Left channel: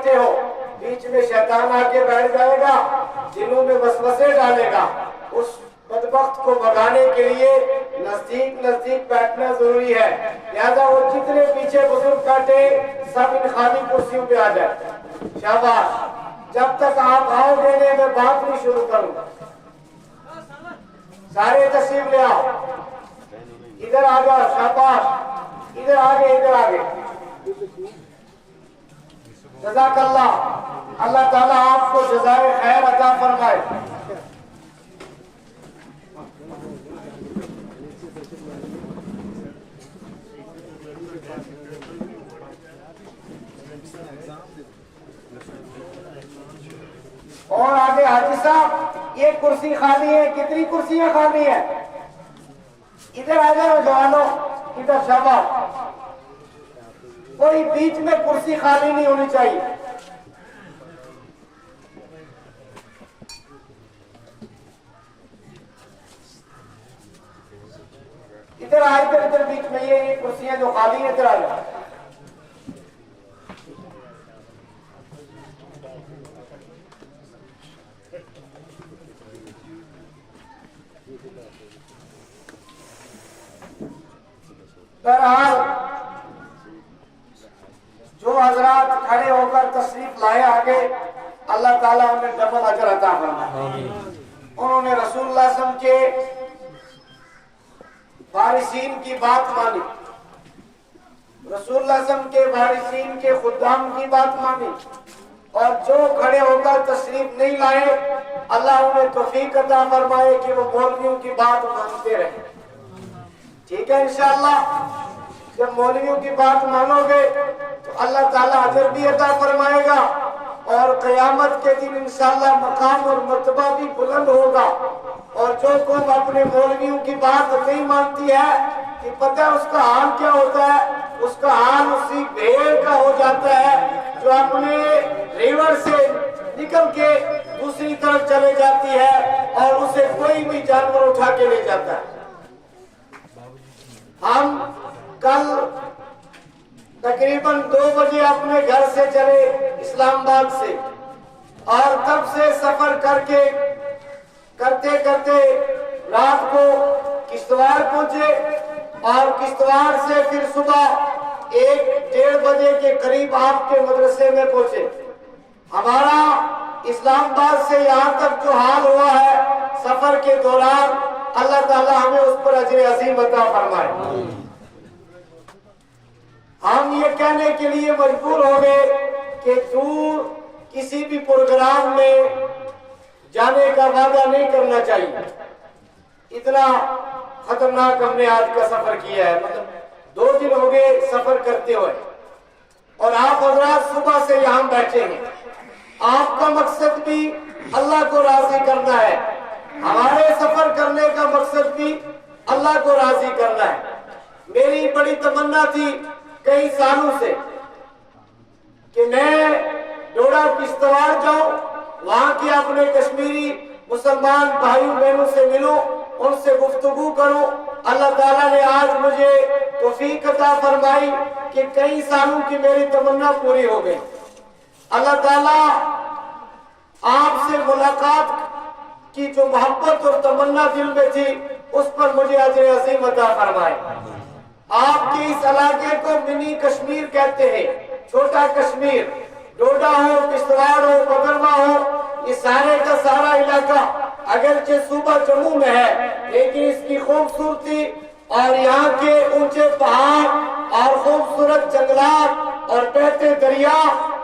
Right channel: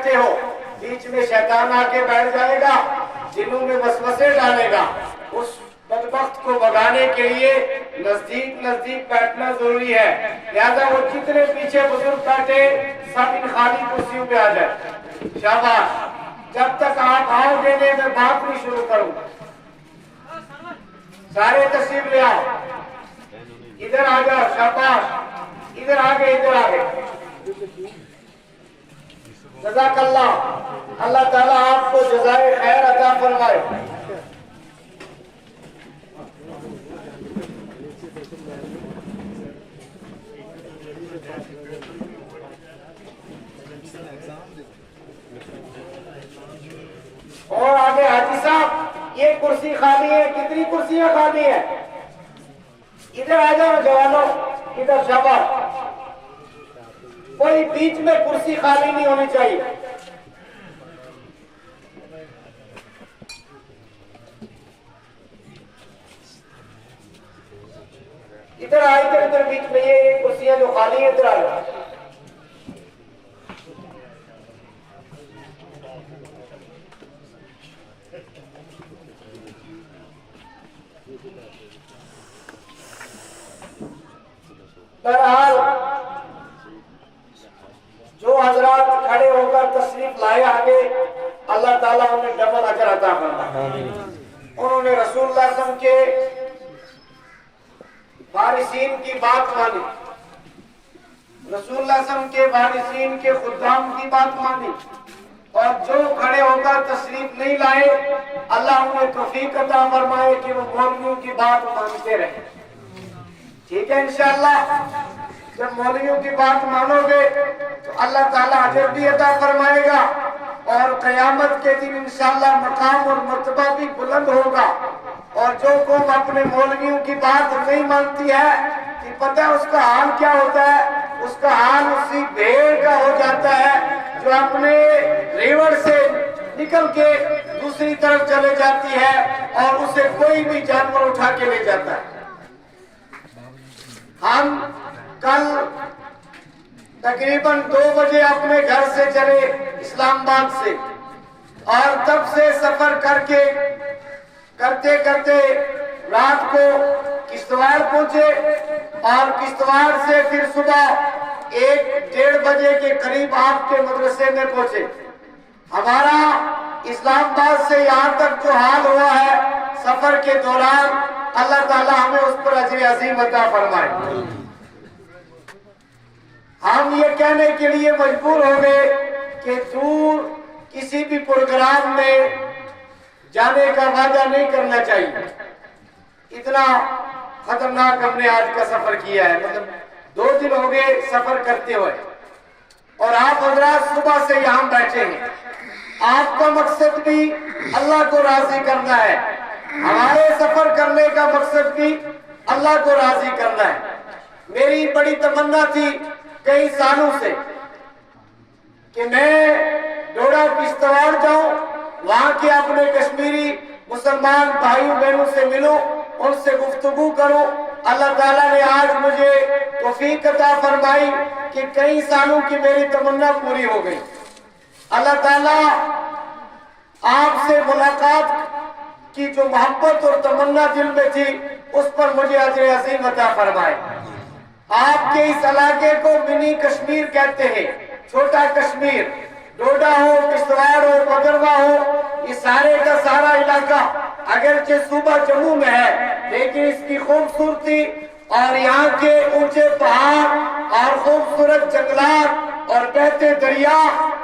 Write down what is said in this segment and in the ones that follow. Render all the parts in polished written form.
بیٹھے ہو, بیچ میں شیطان آ کے بیٹھ جائے گا, دلوں میں وسوسے ڈالے گا. اس بدبخت کو بھگانے کے لیے نزدیک نزدیک بیٹھنا ضروری ہے. لہذا وہ جتنے پیچھے بزرگ بیٹھے سب ان خالی کرسیوں پہ آ جائے. شاباش. جب تک آپ آؤ گے نہیں میں بات نہیں شروع کروں. سارے تشریف لے آؤ, ادھر آ جاؤ. شاباش, ادھر آگے, ادھر آگے. جزاک اللہ. اللہ تعالیٰ آپ کو جزائے خیر عطا فرمائے. اور آگے حاجی صاحب, یہ کرسی خالی ہے. کتنی کرسیاں خالی ہیں؟ ادھر آ جاؤ جوانوں, ادھر. شاباش. کوئی بیچ میں کرسی خالی نہیں ہونی چاہیے. ادھر آ, ادھر ادھر بیچ میں یہ کرسیاں جو خالی ہے ادھر آ جاؤ. بہرحال جو حضرات کھڑے ہو کر تشریف لائے آگے, اللہ تعالیٰ انہیں ڈبل اجر عطا فرمائے. انہوں نے رسول اللہ صلی اللہ علیہ وسلم کے وارثین کی بات مانی, رسول اللہ صلی اللہ علیہ وسلم کے وارثین کے خدام کی بات مانی, اور جو کھڑے ہو کر تشریف نہیں لائے اللہ انہیں توفیق عطا فرمائے کہ وہ مولویوں کی بات مانتے رہے. ٹھیک ہے انشاءاللہ. جب مولویوں کی بات مانو گے تو اللہ تعالیٰ اجر بھی عطا فرمائے گا, اور قیامت کے دن انشاءاللہ مقام اور مرتبہ بھی بلند ہوگا. اور جو قوم اپنے مولویوں کی بات نہیں مانتی ہے کہ پتہ ہے اس کا حال کیا ہوتا ہے, اس کا حال اسی بھیڑ کا ہو جاتا ہے جو اپنے ریوڑ سے نکل کے دوسری طرف چلے جاتی ہے اور اسے کوئی بھی جانور اٹھا کے لے جاتا ہے. ہم کل تقریباً 2 بجے اپنے گھر سے چلے اسلام آباد سے, اور تب سے سفر کر کے کرتے کرتے رات کو کشتواڑ پہنچے, اور کشتواڑ سے پھر صبح 1-1:30 بجے کے قریب آپ کے مدرسے میں پہنچے. ہمارا اسلام آباد سے یہاں تک جو حال ہوا ہے سفر کے دوران, اللہ تعالیٰ ہمیں اس پر اجر عظیم عطا فرمائے. ہم یہ کہنے کے لیے مجبور ہو گئے کہ دور کسی بھی پروگرام میں جانے کا وعدہ نہیں کرنا چاہیے. اتنا خطرناک ہم نے آج کا سفر کیا ہے, مطلب 2 دن ہو گئے سفر کرتے ہوئے, اور آپ حضرات صبح سے یہاں بیٹھے ہیں. آپ کا مقصد بھی اللہ کو راضی کرنا ہے, ہمارے سفر کرنے کا مقصد بھی اللہ کو راضی کرنا ہے. میری بڑی تمنا تھی کئی سالوں سے کہ میں ڈوڈا کشتواڑ جاؤں, وہاں کے اپنے کشمیری مسلمان بھائی بہنوں سے ملوں, ان سے گفتگو کروں. اللہ تعالیٰ نے آج مجھے توفیق عطا فرمائی کہ کئی سالوں کی میری تمنا پوری ہو گئی. اللہ تعالیٰ آپ سے ملاقات کی جو محبت اور تمنا دل میں تھی اس پر مجھے اجر عظیم عطا فرمائے. آپ کے اس علاقے کو منی کشمیر کہتے ہیں, چھوٹا کشمیر. ڈوڈا ہو, کشتواڑ ہو, بھدرواہ ہو, یہ سارے کا سارا علاقہ اگرچہ صوبہ جموں میں ہے, لیکن اس کی خوبصورتی اور یہاں کے اونچے پہاڑ اور خوبصورت جنگلات اور بہتے دریا,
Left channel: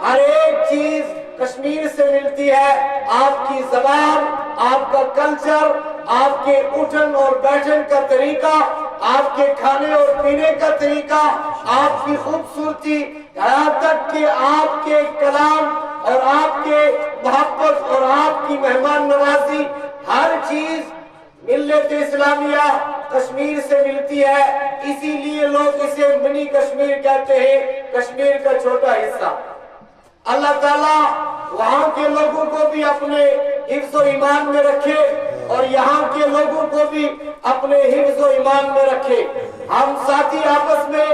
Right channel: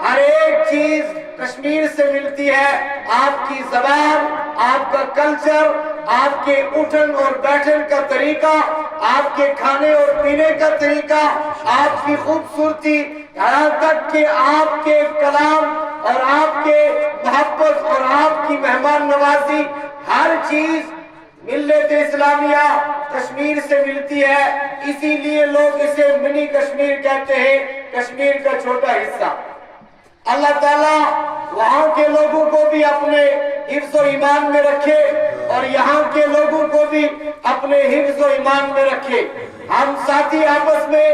ہر ایک چیز کشمیر سے ملتی ہے. آپ کی زبان, آپ کا کلچر, آپ کے اٹھن اور بیٹھن کا طریقہ, آپ کے کھانے اور پینے کا طریقہ, آپ کی خوبصورتی, یہاں تک کہ آپ کے کلام اور آپ کے محبت اور آپ کی مہمان نوازی, ہر چیز ملت اسلامیہ کشمیر سے ملتی ہے. اسی لیے لوگ اسے منی کشمیر کہتے ہیں, کشمیر کا چھوٹا حصہ. اللہ تعالیٰ وہاں کے لوگوں کو بھی اپنے حفظ و ایمان میں رکھے اور یہاں کے لوگوں کو بھی اپنے حفظ و ایمان میں رکھے. ہم ساتھی آپس میں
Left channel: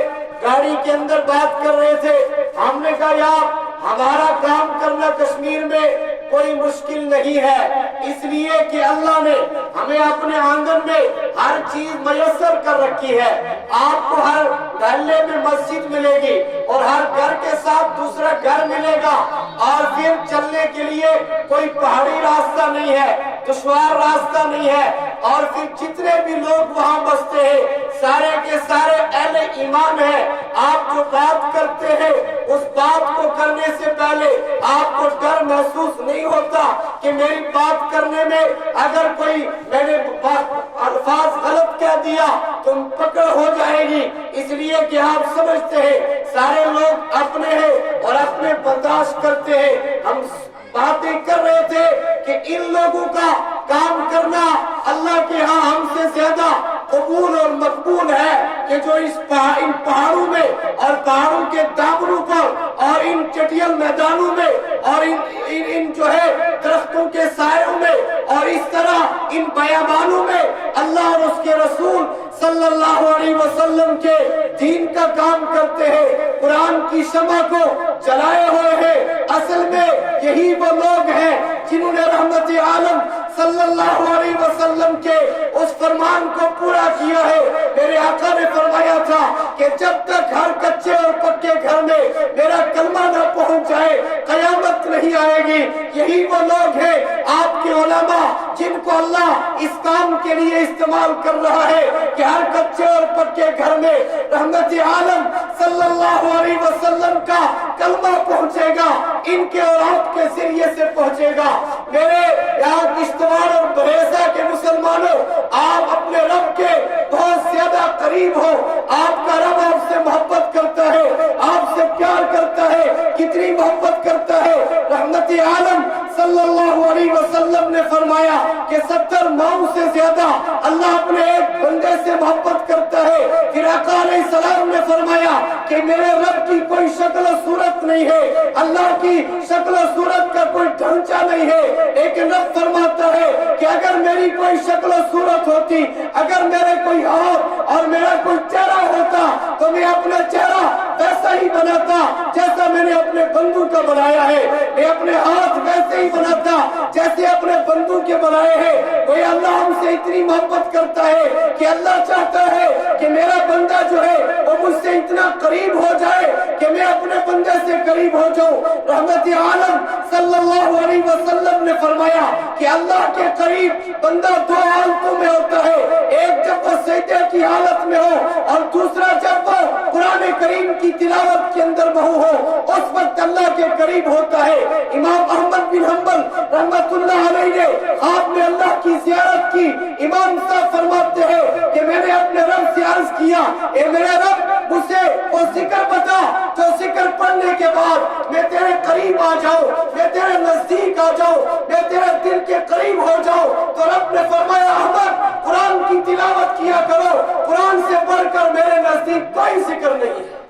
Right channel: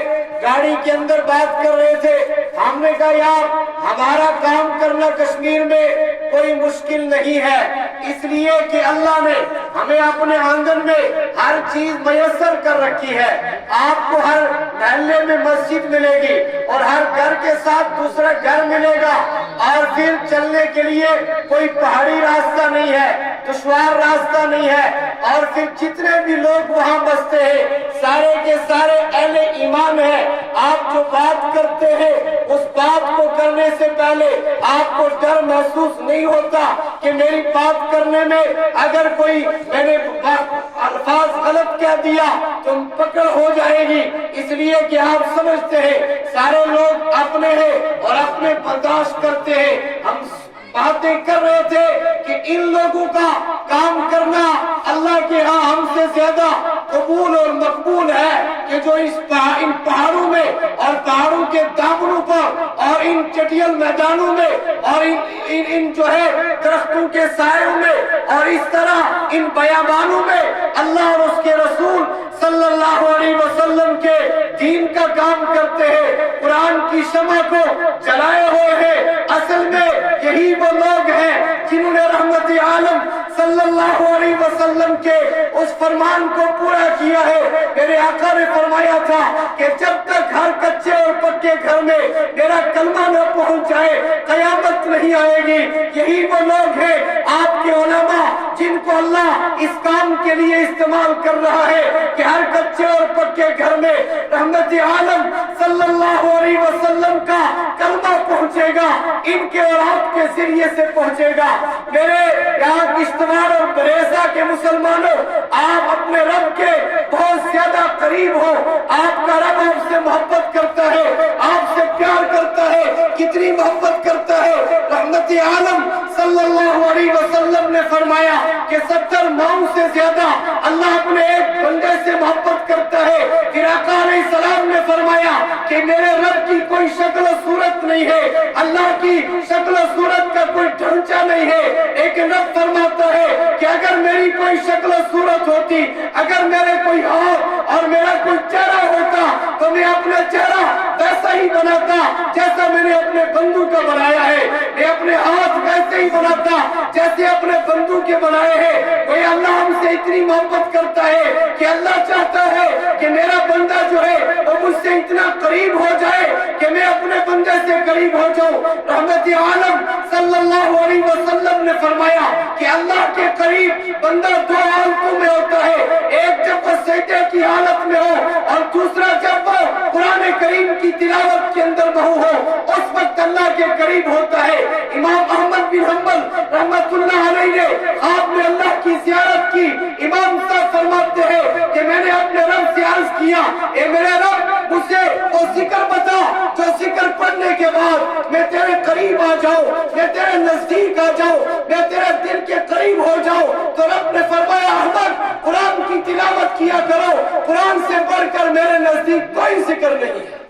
گاڑی کے اندر بات کر رہے تھے, ہم نے کہا یار ہمارا کام کرنا کشمیر میں کوئی مشکل نہیں ہے، اس لیے کہ اللہ نے ہمیں اپنے آنگن میں ہر چیز میسر کر رکھی ہے۔ آپ کو ہر محلے میں مسجد ملے گی اور ہر گھر کے ساتھ دوسرا گھر ملے گا، اور پھر چلنے کے لیے کوئی پہاڑی راستہ نہیں ہے، دشوار راستہ نہیں ہے، اور پھر جتنے بھی لوگ وہاں بستے ہیں سارے کے سارے اہل ایمان ہیں۔ آپ جو بات کرتے ہیں اس بات کو کرنے سے پہلے آپ کو ڈر محسوس نہیں ہوتا کہ میری بات کرنے میں اگر کوئی میں نے الفاظ غلط کہہ دیا تو پکڑ ہو جائے گی، اس لیے کہ آپ سمجھتے ہیں سارے لوگ اپنے ہیں اور اپنے برداشت کرتے ہیں۔ ہم باتیں کر رہے تھے کہ ان لوگوں کا کام کرنا اللہ کے ہاں ہم سے زیادہ قبول اور مقبول ہے کہ جو ان پہاڑوں میں اور پہاڑوں کے دامنوں پر اور ان چٹیل میدانوں میں اور ان جو ہے درختوں کے سائوں میں اور اس طرح ان بیابانوں میں اللہ اور اس کے رسول صلی اللہ علیہ وسلم کے دین کا کام کرتے ہیں، قرآن کی شمع کو جلائے ہوئے ہیں۔ اصل میں یہی وہ لوگ ہیں جنہوں نے رحمت عالم صلی اللہ علیہ وسلم کے اس فرمان کو پورا کیا ہے۔ میرے آقا نے فرمایا تھا کہ جب تک ہر کچے اور پکے گھر میں میرا کلمہ نہ پہنچ جائے قیامت نہیں آئے گی۔ یہی وہ لوگ ہیں آپ کے علماء جن کو اللہ اس کام کے لیے استعمال کر رہا ہے کہ ہر کچے اور پکے گھر میں رحمت عالم صلی اللہ علیہ وسلم کا کلمہ پہنچے گا، ان کے اور آپ کے ذریعے سے پہنچے گا۔ میرے یہاں کشتواڑ اور بریزہ کے مسلمانوں، آپ اپنے رب کے بہت زیادہ قریب ہو، آپ کا رب آپ سے محبت کرتا ہے، آپ سے پیار کرتا ہے، کتنی محبت کرتا ہے۔ رحمت عالم صلی اللہ علیہ وسلم نے فرمایا کہ 70 ماؤں سے زیادہ اللہ اپنے ایک بندے سے محبت کرتا ہے۔ پھر آقا علیہ السلام نے فرمایا کہ میرے رب کی کوئی شکل و صورت نہیں ہے، اللہ کی شکل و صورت کا کوئی ڈھانچہ نہیں ہے، لیکن رب فرماتا ہے کہ اگر میری کوئی شکل و صورت ہوتی، اگر میرے کوئی ہاتھ اور میرا کوئی چہرہ ہوتا تو میں اپنا چہرہ ویسا ہی بناتا جیسا میں نے اپنے بندوں کا بنایا ہے، میں اپنے ہاتھ ویسے ہی بناتا جیسے اپنے بندوں کے بنائے ہیں۔ کوئی اللہ ہم سے اتنی محبت کرتا ہے کہ اللہ چاہتا ہے کہ میرا بندہ جو ہے وہ مجھ سے اتنا قریب ہو جائے کہ میں اپنے بندے سے قریب ہو جاؤں۔ رحمت عالم صلی اللہ علیہ وسلم نے فرمایا کہ اللہ کے قریب بندہ دو حالتوں میں ہوتا ہے، ایک جب وہ سجدے کی حالت میں ہو اور دوسرا جب وہ قرآن کریم کی تلاوت کے اندر بہو ہو، اس وقت اللہ کے قریب ہوتا ہے۔ امام احمد بن حنبل رحمت اللہ علیہ نے خواب میں اللہ کی زیارت کی۔ امام صاحب فرماتے ہیں کہ میں نے اپنے رب سے عرض کیا، اے میرے رب مجھے وہ ذکر بتا جو ذکر پڑھنے کے بعد میں تیرے قریب آ جاؤں، میں تیرے نزدیک آ جاؤں، میں تیرے دل کے قریب ہو جاؤں۔ تو رب نے فرمایا احمد قرآن کی تلاوت کیا کرو، قرآن سے بڑھ کر میرے نزدیک کوئی ذکر نہیں ہے۔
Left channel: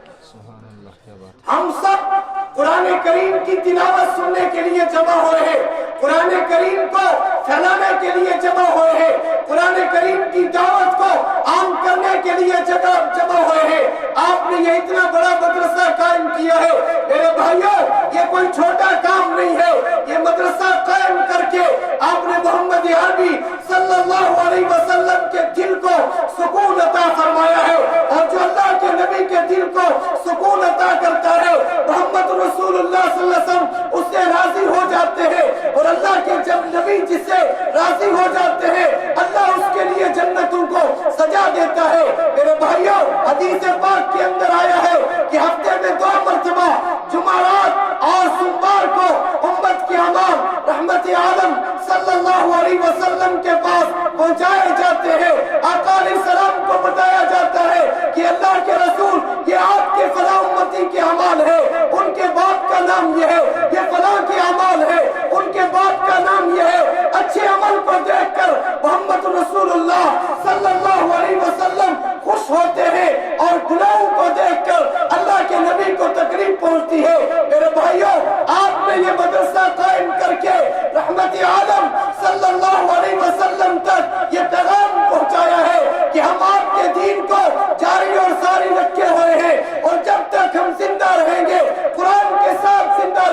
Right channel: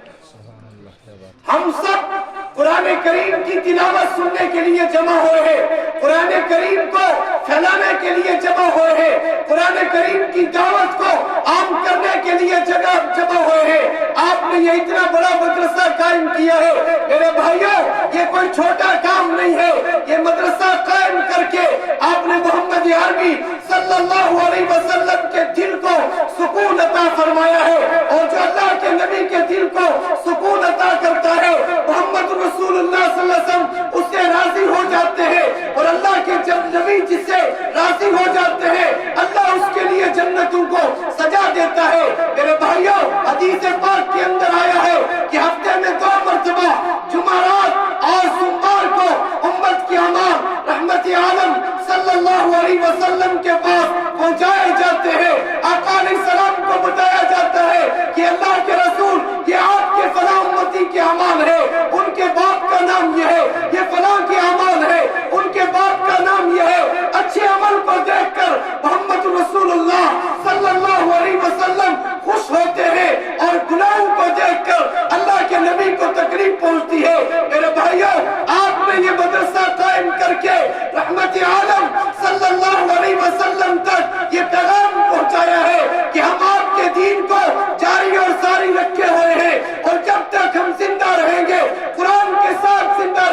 ہم سب قرآن کریم کی تلاوت سننے کے لیے جمع ہوئے ہیں، قرآن کریم کو پھیلانے کے لیے جمع ہوئے ہیں، قرآن کریم کی دعوت کو عام کرنے کے لیے جمع ہوئے ہیں۔ آپ نے یہ اتنا بڑا مدرسہ قائم کیا ہے، میرے بھائیوں یہ کوئی چھوٹا کام نہیں ہے، یہ مدرسہ قائم کر کے آپ نے محمد عربی صلی اللہ علیہ وسلم کے دل کو سکون عطا فرمایا ہے، اور جو اللہ کے نبی کے دل کو سکون عطا کرتا ہے محمد رسول اللہ صلی اللہ علیہ وسلم اس سے راضی ہو جاتے ہیں، اور اللہ کے جب نبی جس سے راضی ہو جاتے ہیں اللہ اس کے لیے جنتوں کو سجا دیتا ہے۔ میرے بھائیوں حدیث پاک کے اندر آیا ہے کہ ہفتے میں 2 مرتبہ جمعرات اور سوموار کو امت کے اعمال رحمت عالم صلی اللہ علیہ وسلم کے پاس پہنچائے جاتے ہیں۔ آقا علیہ السلام کو بتایا جاتا ہے کہ اللہ کے رسول یہ آپ کے فلاں امتی کے اعمال ہے، ان کے باپ کا نام یہ ہے، یہ فلاں کے اعمال ہے، ان کے باپ کا نام یہ ہے۔ اچھے عمل کو دیکھ کر محمد رسول اللہ صلی اللہ علیہ وسلم خوش ہوتے ہیں، اور گناہوں کو دیکھ کر اللہ کے نبی کو تکلیف پہنچتی ہے۔ میرے بھائیوں آپ نے یہ مدرسہ قائم کر کے رحمت عالم صلی اللہ علیہ وسلم تک یہ پیغام پہنچایا ہے کہ ہم آپ کے دین کو جاری اور ساری رکھے ہوئے ہیں، اور جب تک ہم زندہ رہیں گے قرآن کے ساتھ زندہ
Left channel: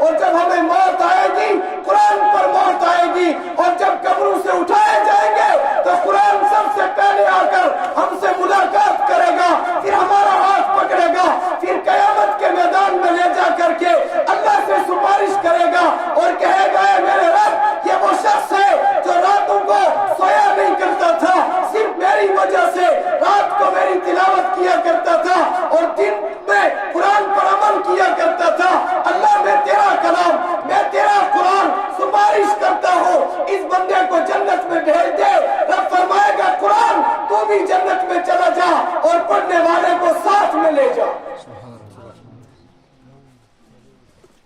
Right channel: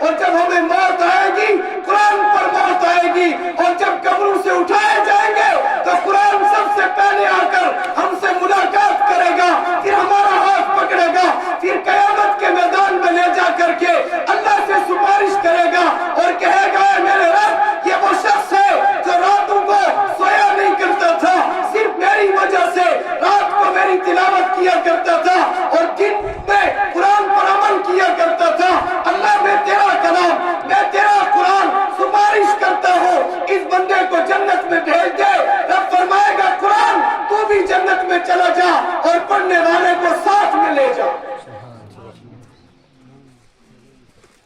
اور جب ہمیں موت آئے گی قرآن پر موت آئے گی، اور جب قبروں سے اٹھائے جائیں گے تو قرآن سب سے پہلے آ کر ہم سے ملاقات کرے گا، پھر ہمارا ہاتھ پکڑے گا، پھر قیامت کے میدان میں لے جا کر کے اللہ سے سفارش کرے گا اور کہے گا اے میرے رب، یہ وہ شخص ہے جو راتوں کو سویا نہیں کرتا تھا، صرف میری وجہ سے رات کو میری تلاوت کیا کرتا تھا اور دن میں قرآن پر عمل کیا کرتا تھا، اللہ میں تیرا کلام، میں تیرا قرآن سفارش کرتا ہوں، اس بندے کو جنت میں بھیج دے۔ رب فرمائے گا قرآن تو بھی جنت میں چلا جا اور پڑھنے والے کو ساتھ میں لے جا۔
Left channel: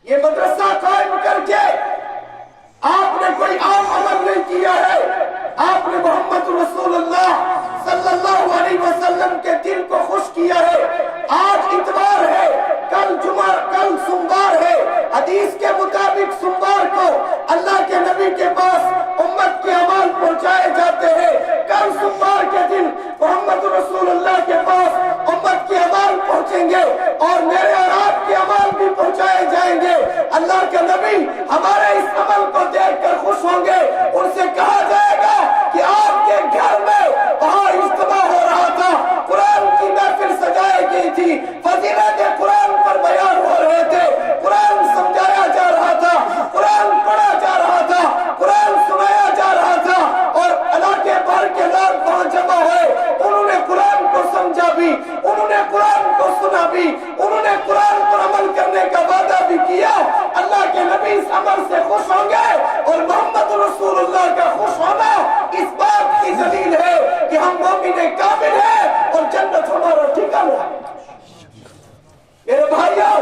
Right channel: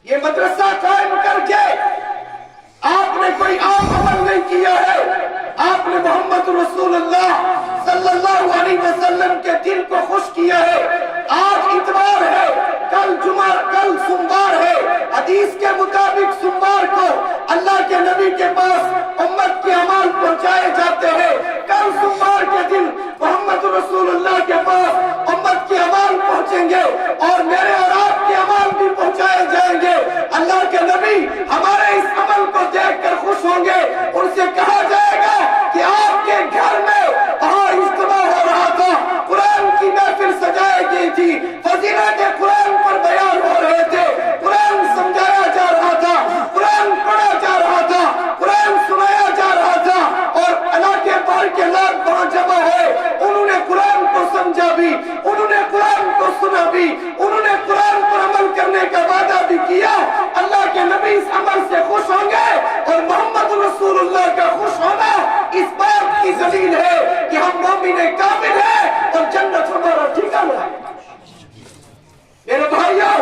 یہ مدرسہ قائم کر کے آپ نے کوئی عام عمل نہیں کیا ہے، آپ نے محمد رسول اللہ صلی اللہ علیہ وسلم کے دل کو خوش کیا ہے۔ آج اتوار ہے، کل جمعہ، کل سوموار ہے، حدیث کے مطابق سوموار کو اللہ کے نبی کے پاس امت کے اعمال پہنچائے جاتے ہیں، کل سوموار کے دن محمد رسول اللہ کے پاس امت کے اعمال پہنچیں گے اور میرے اور آپ کے اعمال بھی پہنچائے جائیں گے۔ اللہ کے نبی ہمارے اس عمل کو دیکھ کر خوش ہوں گے، ان سے کہا جائے گا کہ آپ کے گھر میں وہاں اجتماع ہو رہا تھا، قرآن کی محفل سجائی گئی تھی، فضیلت قرآن پر بیان ہو رہے تھے، قرآن سمجھایا جا رہا تھا، قرآن پڑھا جا رہا تھا، قرآن سنایا جا رہا تھا، اور علاقے بھر کے لوگ وہاں جمع ہوئے، انہوں نے قرآن کو سمجھا بھی، انہوں نے قرآن کو سنا بھی، انہوں نے قرآن پر عمل کرنے کا وعدہ بھی کیا۔ اللہ کے نبی اس عمل سے خوش ہوں گے اور محمد رسول اللہ کا خوش ہونا اس بات کی دلیل ہے کہ ہم مومن کامل ہیں اور جنت ہمارا ٹھکانہ ہے۔ میرے بھائیو،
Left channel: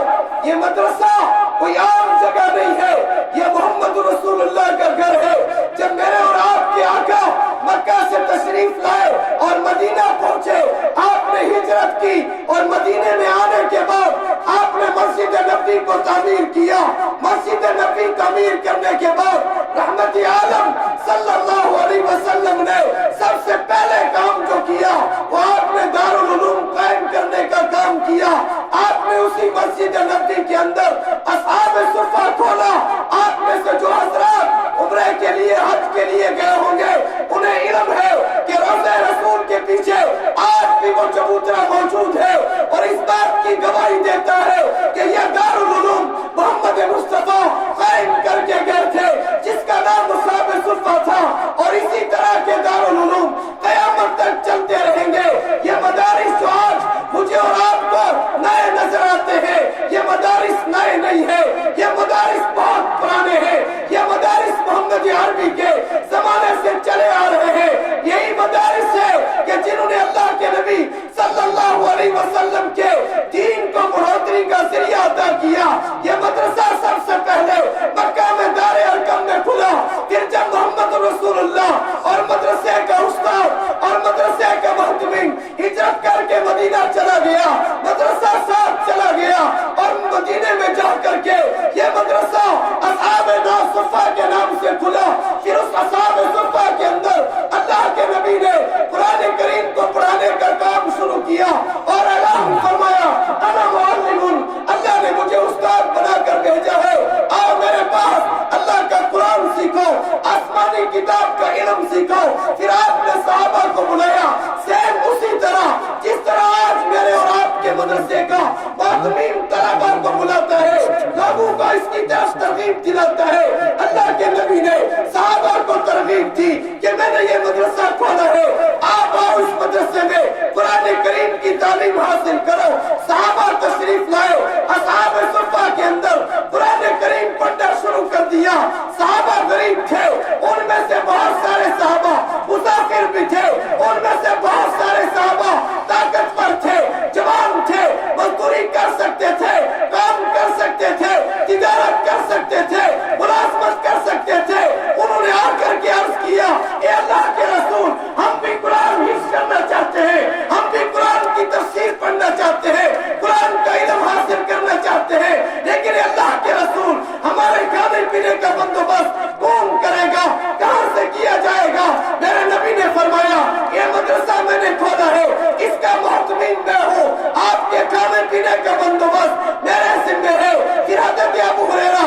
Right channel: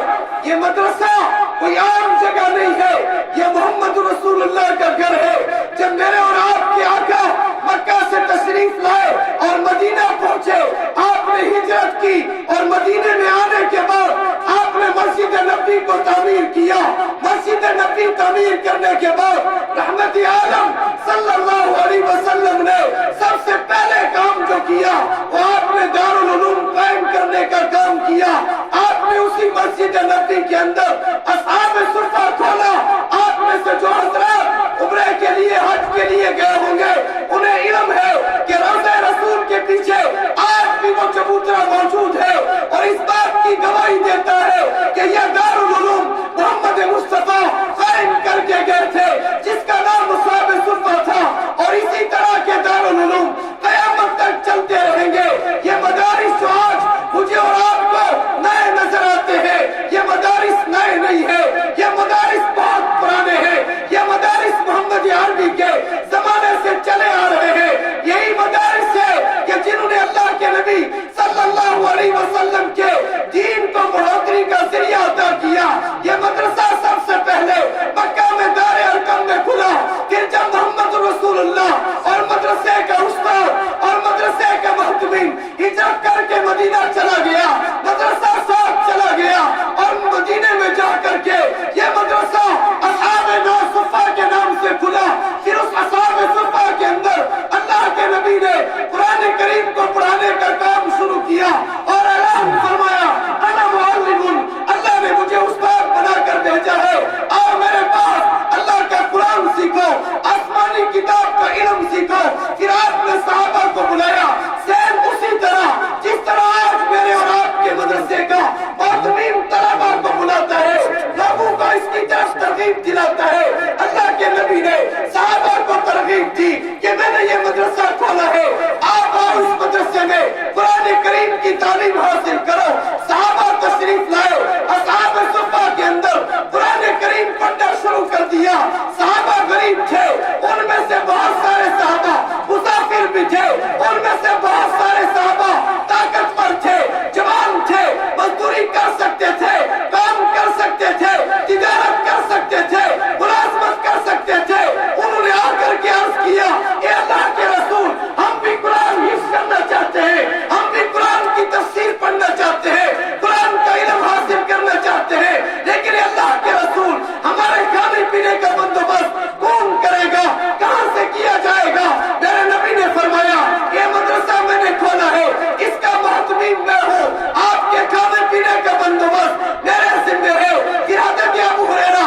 یہ مدرسہ کوئی عام جگہ نہیں ہے، یہ محمد رسول اللہ کا گھر ہے۔ جب میرے اور آپ کے آقا مکہ سے تشریف لائے اور مدینہ پہنچے، آپ نے ہجرت کی اور مدینے میں آنے کے بعد آپ نے مسجد نبوی کو تعمیر کیا۔ مسجد نبوی تعمیر کرنے کے بعد رحمت عالم صلی اللہ علیہ وسلم نے سب سے پہلے کام جو کیا وہ آپ نے دارالعلوم قائم کرنے کا کام کیا۔ آپ نے اسی مسجد نبوی کے اندر اصحاب صفہ کھولا۔ آپ میں سے جو حضرات عمرے کے لیے، حج کے لیے گئے ہوں گے، انہیں علم ہے کہ روضہ رسول کے پیچھے آج بھی وہ چبوترا موجود ہے اور اس بات کی گواہی دیتا ہے کہ یہ دارالعلوم محمد مصطفیٰ قائم کر کے گئے تھے، جس کا نام اصحاب صفہ تھا، اور اسی طرح کے دارالعلوم قیامت تک چلتے رہیں گے۔ یہ مدارس جو آج مجھے اور آپ کو نئے نظر آتے ہیں، یہ مدارس نئے نہیں ہے، یہ مدارس بہت پرانے ہیں، یہ مدارس محمد عربی کے زمانے سے چلے آ رہے ہیں۔ یہی مدارس ہے کہ جنہوں نے اللہ کے نبی صلی اللہ علیہ وسلم کے دین کو بڑھوتری کا ذریعہ عطا کیا۔ یہ مدرسہ سب سے پہلے مکہ میں دار ارقم میں کھلا، پھر جب محمد رسول اللہ اور مدرسے کا استاد اور مدرسے کا محتمین ہجرت کر کے مدینہ چلا گیا، مدرسہ ساتھ چلا گیا اور مدینے میں جا کر کے یہ مدرسہ اصحاب صفہ کے نام سے کھلا۔ پھر اس اصحاب صفہ کے اندر اللہ کے نبی نے قرآن کریم کو پڑھانے کا کام شروع کیا اور اعلان فرمایا انا معلم، اللہ نے مجھے استاد بنا کر بھیجا ہے، آؤ میرے پاس اللہ کا قرآن سیکھو، آسمانی کتاب کا علم سیکھو۔ پھر آپ نے صحابہ کو بلایا، سیم اسی طرح جس طرح آج میرے اور آپ کے مدرسے کا معتمین طلبہ کو بلاتا ہے، لوگوں کو اس کی طرف ترغیب دلاتا ہے۔ اللہ کے نبی نے صحابہ کو ترغیب دی کہ میں نے یہ مدرسہ کھولا ہے، آپ آؤ اس مدرسے میں قرآن کریم کی تعلیم حاصل کرو۔ صحابہ تشریف لائے، اصحاب صفہ کے اندر قرآن کریم پڑھنا شروع کر دیا۔ صحابہ غریب تھے، ان میں سے بہت سارے صحابہ مسافر بھی تھے، ان میں سے بہت سارے صحابہ طاقتور تھے، جوان تھے، مزدوری کر سکتے تھے، کام کر سکتے تھے، تجارت کر سکتے تھے، ملازمت کر سکتے تھے۔ انہوں نے آ کر کے عرض کیا اے اللہ کے رسول، ہم بھی قرآن حفظ کرنا چاہتے ہیں، ہم بھی قرآن کی تفسیر پڑھنا چاہتے ہیں، قرآن کا علم حاصل کرنا چاہتے ہیں، لیکن اللہ کے رسول ہمارے کھانے پینے کا بندوبست کون کرے گا، کہاں سے کیا جائے گا؟ میرے نبی نے فرمایا یہ مدرسہ میں نے کھولا ہے، اس کا محتمین میں ہوں، آپ کے کھانے پینے کا بندوبست میرے ذمہ ہے۔ پھر حضرت ابو ہریرہ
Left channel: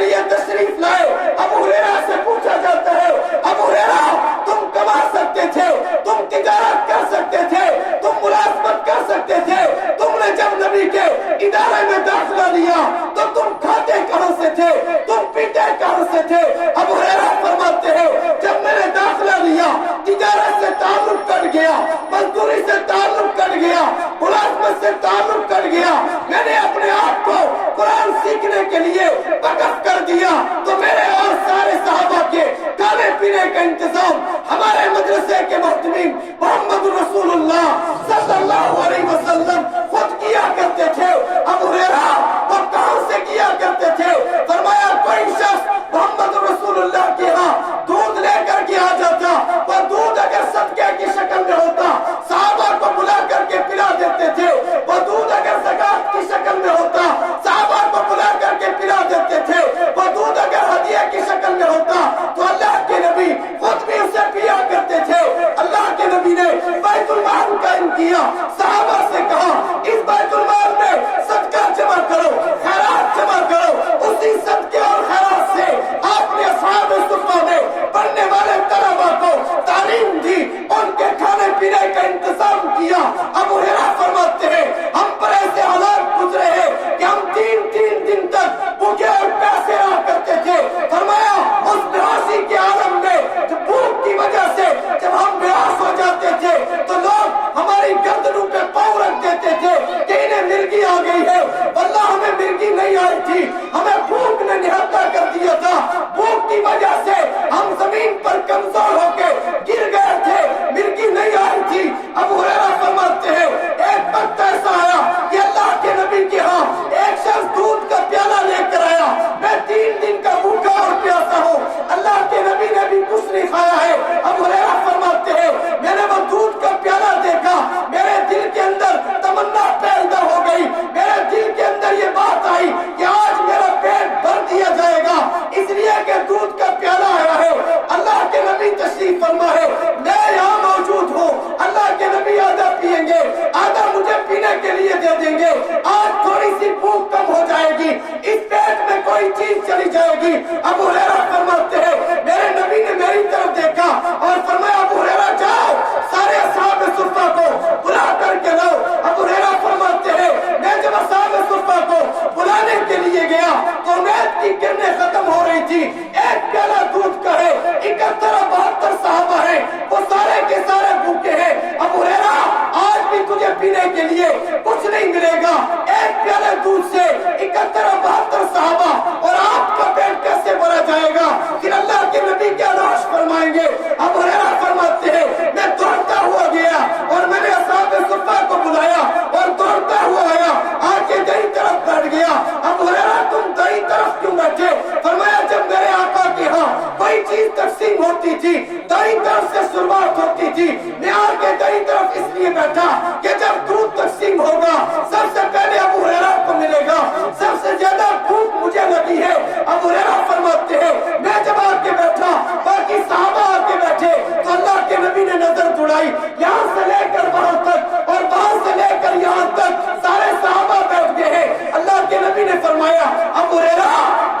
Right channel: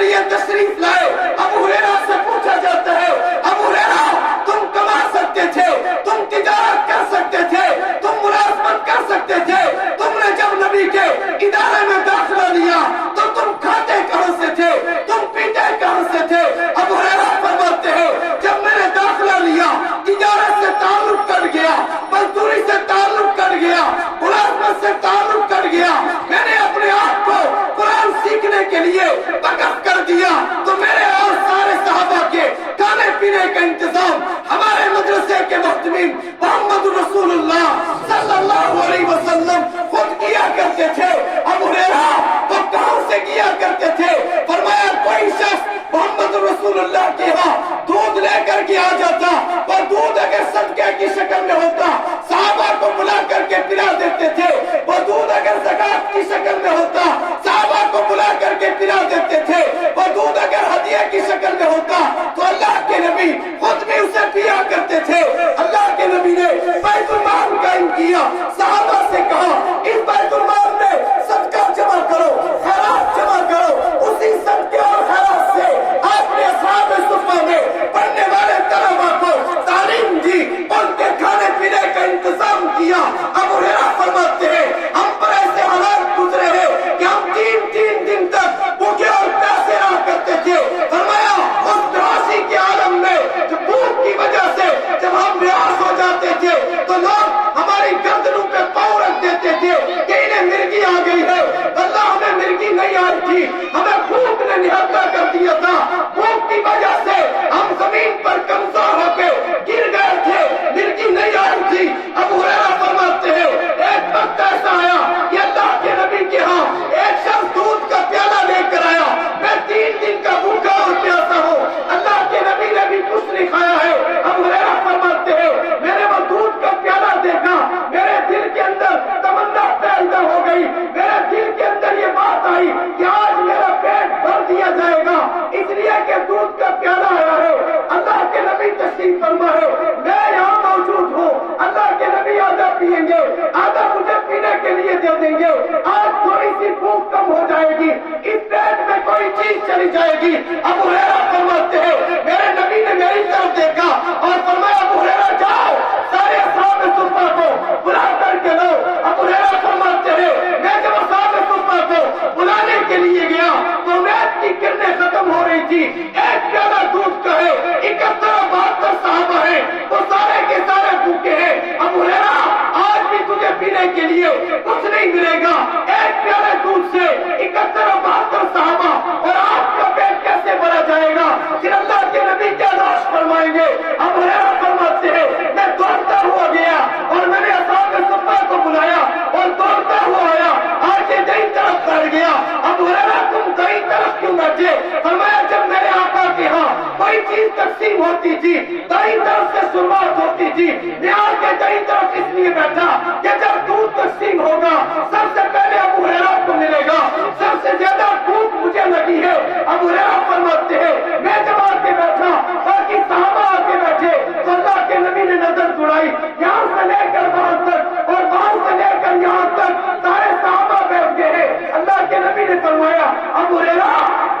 لیے تشریف لائے. ابو ہریرہ سے پوچھا جاتا ہے ابو ہریرہ تم کما سکتے تھے, تم تجارت کر سکتے تھے, تم ملازمت کر سکتے تھے, تم نے جب نبی کے ادارے میں داخلہ لیا تو تم کھاتے کہاں سے تھے, تم پیتے کہاں سے تھے؟ ابو ہریرہ فرماتے ہیں جب میں نے داخلہ لیا تجارت سے تعلق کٹ گیا, مزدوری سے تعلق کٹ گیا, ملازمت سے تعلق کٹ گیا, میں نے اپنے آپ کو قرآن سیکھنے کے لیے وقف کر دیا تو میرے اور سارے صحابہ کے کھانے پینے کا انتظام ہمارے مدرسے کے محتمین محمد رسول اللہ صلی اللہ علیہ وسلم خود کیا کرتے تھے. ابو ہریرہ وہ کہاں سے کیا کرتے تھے؟ فرمایا کوئی شخص محمد رسول اللہ کے ہاں دودھ لے کر کے آ جاتا, وہ دودھ اگر صدقے کی شکل میں ہوتا صحابہ کو بلا کر کے پلا دیتے تھے, وہ دودھ اگر زکات کی شکل میں ہوتا صحابہ کو بلا کر کے پلا دیتے تھے, وہ دودھ اگر ہدیہ کی شکل میں ہوتا تو اللہ کے نبی خود بھی اسے پیا کرتے تھے. اللہ کے نبی نے بیت المال قائم کیا, صحابہ سے کہا اس بیت المال میں صدقہ جمع کرو, خیرات جمع کرو. اسی صدقے اور خیرات سے آپ نے اصحاب صفہ میں پڑھنے والے طلبہ کو تعلیم دی, ان کے کھانے پینے کا انتظام کیا. ابو ہریرہ فرماتے ہیں ہم پر ایسے حالات گزرے ہیں کہ ہم تین دن تک بھوکے اور پیاسے رہا کرتے تھے. فرمایا اس بیاسی کے عالم میں جب بھوک کی وجہ سے جب ہم بیاس ہو جاتے تھے تو لوگ ہماری گردنوں پہ پاؤں رکھ دیتے تھے کہ انہیں مرگی آ گئی ہے. اللہ ہمیں مرگی نہیں آئی تھی, ہمیں بھوک نے نہاتا کر دیا تھا, بھوک کی وجہ سے ہم زمین پر کمزور ہو کے گر گئے تھے, مرگی نہیں آئی تھی. ابو ہریرہ فرماتے ہیں ایک وقت ایسا آیا کہ اللہ کے نبی کے ہاں ایک شخص دودھ کا پیالہ لے کر آیا, میں 3 دن کا بھوکا اور پیاسا ہوں, اللہ کے نبی نے بھی کچھ نہیں کھایا ہے. ابو ہریرہ فرماتے ہیں میں نے وہ دودھ کا پیالہ دیکھا, میرے دل کے اندر تمنا پیدا ہو گئی, میرے دل کے اندر یہ بات آئی کہ آج میرا پیٹ بھر دیا جائے گا, اس لیے کہ دودھ کا پیالہ آیا ہے. اللہ کے نبی تشریف فرما ہے, میں یہاں موجود ہوں, اللہ کے نبی آدھا پیئیں گے, آدھا مجھے پینے کے لیے دے دیں گے, آج تھوڑی سی بھوک کم ہو جائے گی, اس پیٹ میں کوئی چیز چلی جائے گی. ابو ہریرہ فرماتے ہیں میرے نبی نے میری طرف دیکھا اور فرمایا ابو ہریرہ جاؤ سارے اصحاب صفہ کو بلا کر کے لاؤ. ابو ہریرہ فرماتے ہیں میں جب اصحاب صفہ کو بلانے کے لیے گیا تو امید کی کرنیں ختم ہو رہی تھی, ایک پیالہ دودھ کا ہے, 71-72 صحابہ ہیں, وہ سارے کے سارے بھوکے ہیں. ابو ہریرہ آج بھی تجھے پینے کے لیے کچھ نہیں ملے گا, ایک پیالے دودھ سے 71-72 صحابہ اور آپ کا پیٹ کیسے بھرا جائے گا؟ پھر اللہ کے نبی کیا لاش فرمائیں گے؟ ابو ہریرہ فرماتے ہیں میں دوڑتا ہوا گیا اور میں نے اصحاب صفہ کو بلایا اور دوڑتا ہوا آیا, آگے دائیں طرف بڑھ گیا. ابو ہریرہ تم دائیں طرف کیوں بیٹھے؟ فرمایا جب میرے آقا کے ہاں کوئی چیز تقسیم ہوتی تھی دائیں طرف سے شروعات ہوتی تھی, میں آگے دائیں طرف اس لیے بیٹھا کہ جب دودھ تقسیم ہوگا سب سے پہلے ابو ہریرہ کو ملے گا, سب سے زیادہ بھوک مجھے لگی ہے. ابو ہریرہ فرماتے ہیں میں جب آگے بیٹھا باقی صحابہ آگے بیٹھے تو اللہ کے نبی نے نظر دوڑائی, یہاں سے لے کر وہاں تک اور وہاں سے لے کر یہاں تک سارے صحابہ بیٹھ گئے ہیں. اللہ کے نبی نے فرمایا ابو ہریرہ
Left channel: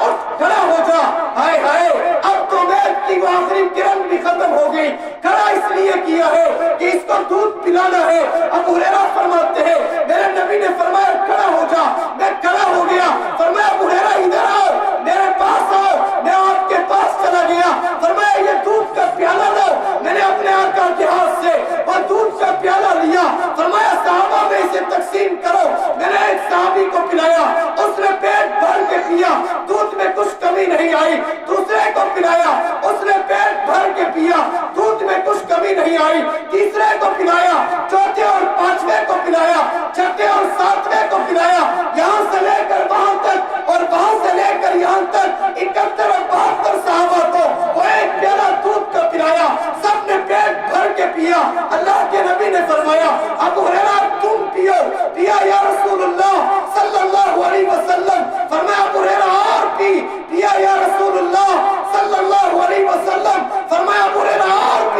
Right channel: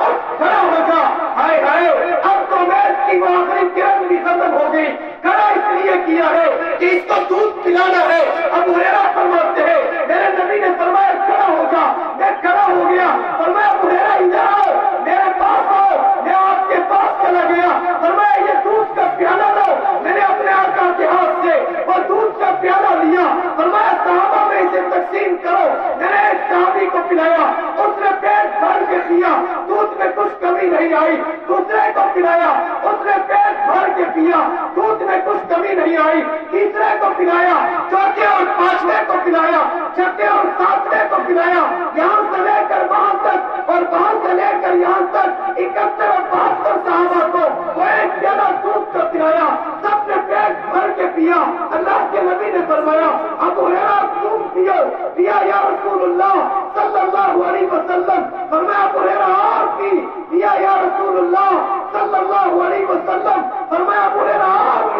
اٹھ کھڑا ہو جا, ہائے ہائے اب تو امید کی وہ آخری کرن بھی ختم ہو گئی. کھڑا اس لیے کیا ہے کہ اس کو دودھ پلانا ہے. ابو ہریرہ فرماتے ہیں میرے نبی نے فرمایا کھڑا ہو جا, میں کھڑا ہو گیا. فرمایا ابو ہریرہ ادھر آؤ, میرے پاس آؤ, میں آپ کے پاس چلا گیا. فرمایا یہ دودھ کا پیالہ لاؤ, میں نے اپنے آقا کے ہاتھ سے وہ دودھ کا پیالہ لیا. فرمایا صحابہ میں اسے تقسیم کرو, میں نے ایک صحابی کو پلایا, اس نے پیٹ بھر کے پیا, دودھ میں کچھ کمی نہیں آئی. دوسرے کو پلایا, اس نے پیٹ بھر کے پیا, دودھ میں کچھ کمی نہیں آئی. تیسرے کو پلایا, چوتھے اور پانچویں کو پلایا, چھٹے اور ساتویں کو پلایا, یہاں سے لے کر وہاں تک اور وہاں سے لے کر یہاں تک 71-72 صحابہ کو وہ ایک پیالہ دودھ کا پلایا. سب نے پیٹ بھر کے پیا. اللہ کے نبی نے فرمایا ابو ہریرہ تم پیو. پیا یا رسول اللہ صلی اللہ علیہ وسلم. فرمایا ابو ہریرہ اور پیا یا رسول اللہ صلی اللہ علیہ وسلم. فرمایا ابو ہریرہ اور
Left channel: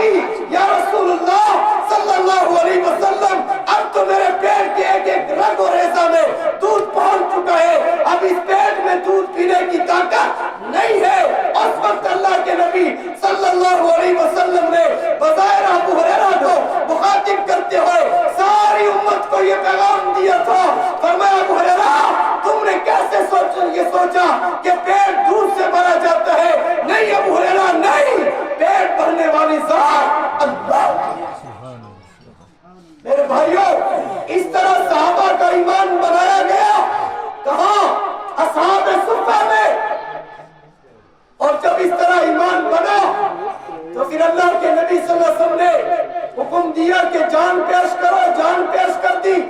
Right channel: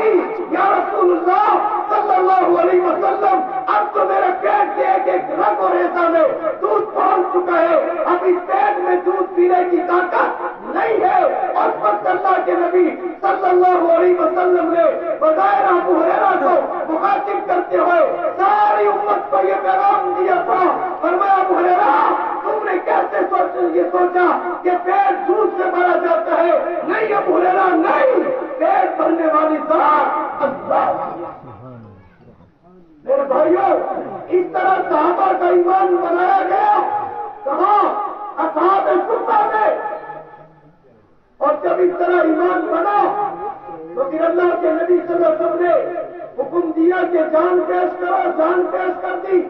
یا رسول اللہ صلی اللہ علیہ وسلم. اب تو میرے پیٹ کے ایک ایک رگ اور ریزہ میں دودھ پہنچ چکا ہے, اب اس پیٹ میں میں دودھ پینے کی طاقت نہیں ہے۔ اس وقت اللہ کے نبی صلی اللہ علیہ وسلم نے بظاہر ابو ہریرہ کو مخاطب کرتے ہوئے ساری امت کو یہ پیغام دیا تھا، فرمایا ابو ہریرہ تم نے کیسے یہ سوچا کہ پیٹ دودھ سے بھرا جاتا ہے؟ نہیں ابو ہریرہ نہیں، پیٹ بھرنے والی ذات اللہ کی ہے۔ میرے بھائیوں، اس طرح صحابہ کا ایمان بنایا گیا، کہاں؟ اصحاب صفہ میں۔ اور جب اس طرح ایمان بنا تو پھر اللہ کے نبی صلی اللہ علیہ وسلم نے حکم دیا کہ جان پیش کرو، جان پیش کر دی،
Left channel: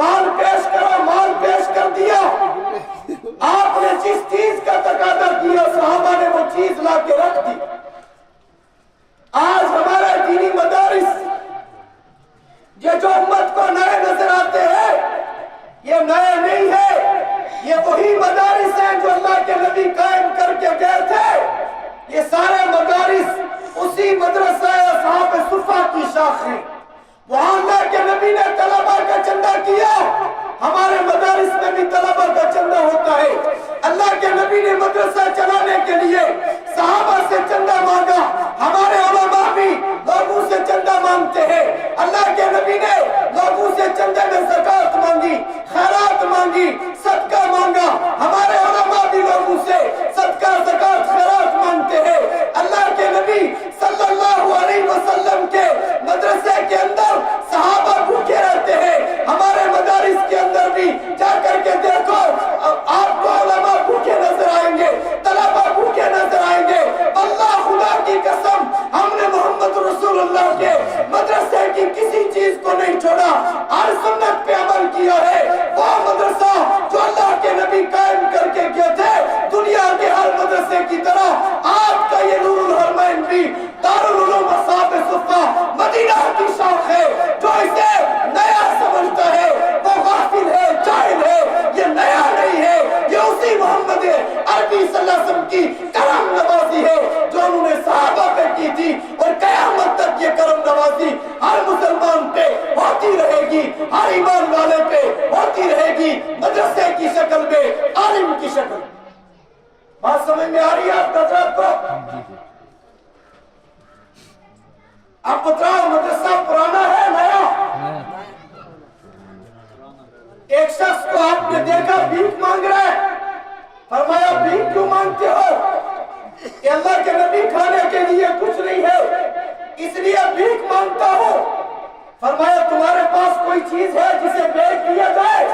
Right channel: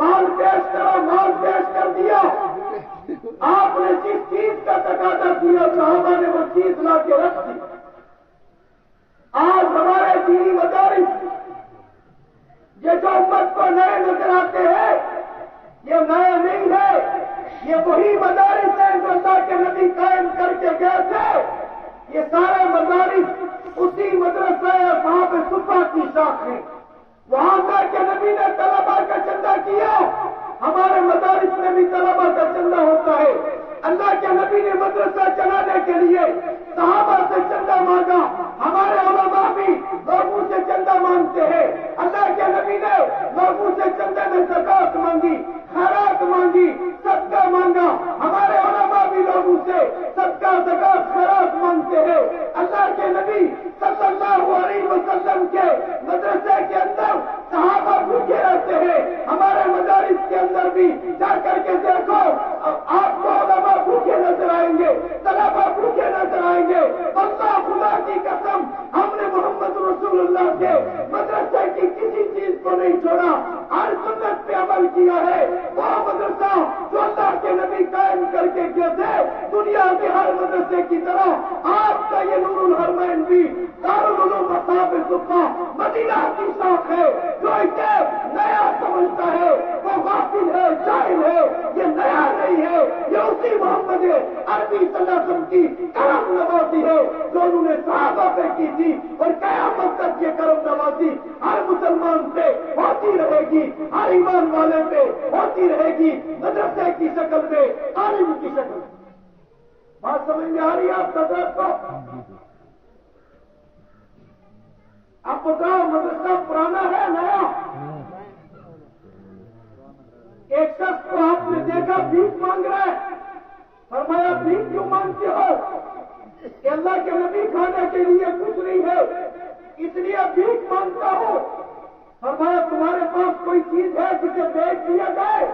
مال پیش کرو، مال پیش کر دیا۔ آپ نے جس چیز کا تقاضا کیا صحابہ نے وہ چیز لا کے رکھ دی۔ آج ہمارے دینی مدارس یہ جو امت کو نئے نظر آتے ہیں، یہ نیا نہیں ہے، یہ وہی مدارس ہیں جو اللہ کے نبی قائم کر کے گئے تھے۔ یہ سارے مدارس اسی مدرسہ اصحاب صفہ کی شاخ ہیں۔ وہاں اللہ کے نبی نے طلبہ کا چندہ کیا، ہمارے مدارس میں بھی طلبہ کا چندہ ہوتا ہے۔ اللہ کے نبی نے مدرسہ چلانے کے لیے صحابہ سے چندہ مانگا، ہمارے علماء بھی لوگوں سے چندہ مانگتے ہیں۔ اللہ کے نبی نے لوگوں سے چندے میں زکوٰۃ مانگی، خیرات مانگی، صدقہ مانگا، ہمارے علماء بھی لوگوں سے صدقہ، زکوٰۃ، خیرات مانگتے ہیں۔ اللہ کے نبی صلی اللہ علیہ وسلم کے مدرسے کے اندر صحابہ بھوکے رہتے ہیں، ہمارے مدارس کے اندر بھی جا کر کے دیکھو، آپ کو علماء بھوکے نظر آئیں گے، طلبہ بھوکے نظر آئیں گے۔ اللہ خدا کی قسم، ہم نے محمد رسول اللہ کے مدرسے کی کسی چیز کو نہیں چھوڑا، ہر سنت پہ عمل کیا ہے۔ وہ مدرسہ جو اللہ کے نبی قائم کر کے گئے تھے، دنیا کے ہر مدرسے کی طرح آپ کا یہ نور الحرمین بھی دارالعلوم اصحاب صفہ مدینہ کی شاخ ہے۔ جو اسے نیا سمجھتا ہے وہ غافل ہے، جاہل ہے، یہ نیا نہیں ہے، یہ اسی محمد عربی صلی اللہ علیہ وسلم کی کرم نوازی ہے جو انہوں نے صحابہ پہ کی تھی، اور قیامت تک یہ کرم نوازی ہر مسلمان پہ ہوتی رہے گی، ہر ایمان والے پہ ہوتی رہے گی، مدرسے کی شکل میں، عالم کی شکل۔ بات سمجھ میں آ رہی ہے آپ حضرات کو؟ آپ بتاؤ مدرسہ پرانا ہے نیا؟ ایک شخص کو آپ نے دیکھا بھیک مانگ رہا ہے، فرمایا بھیک کیوں مانگتے ہو؟ کہ اللہ کے نبی کھانے کے لیے کچھ نہیں ہے اس لیے بھیک مانگتا ہوں۔ فرمایا تمہارے پاس کوئی چیز ہے جسے بیچ دیا جائے؟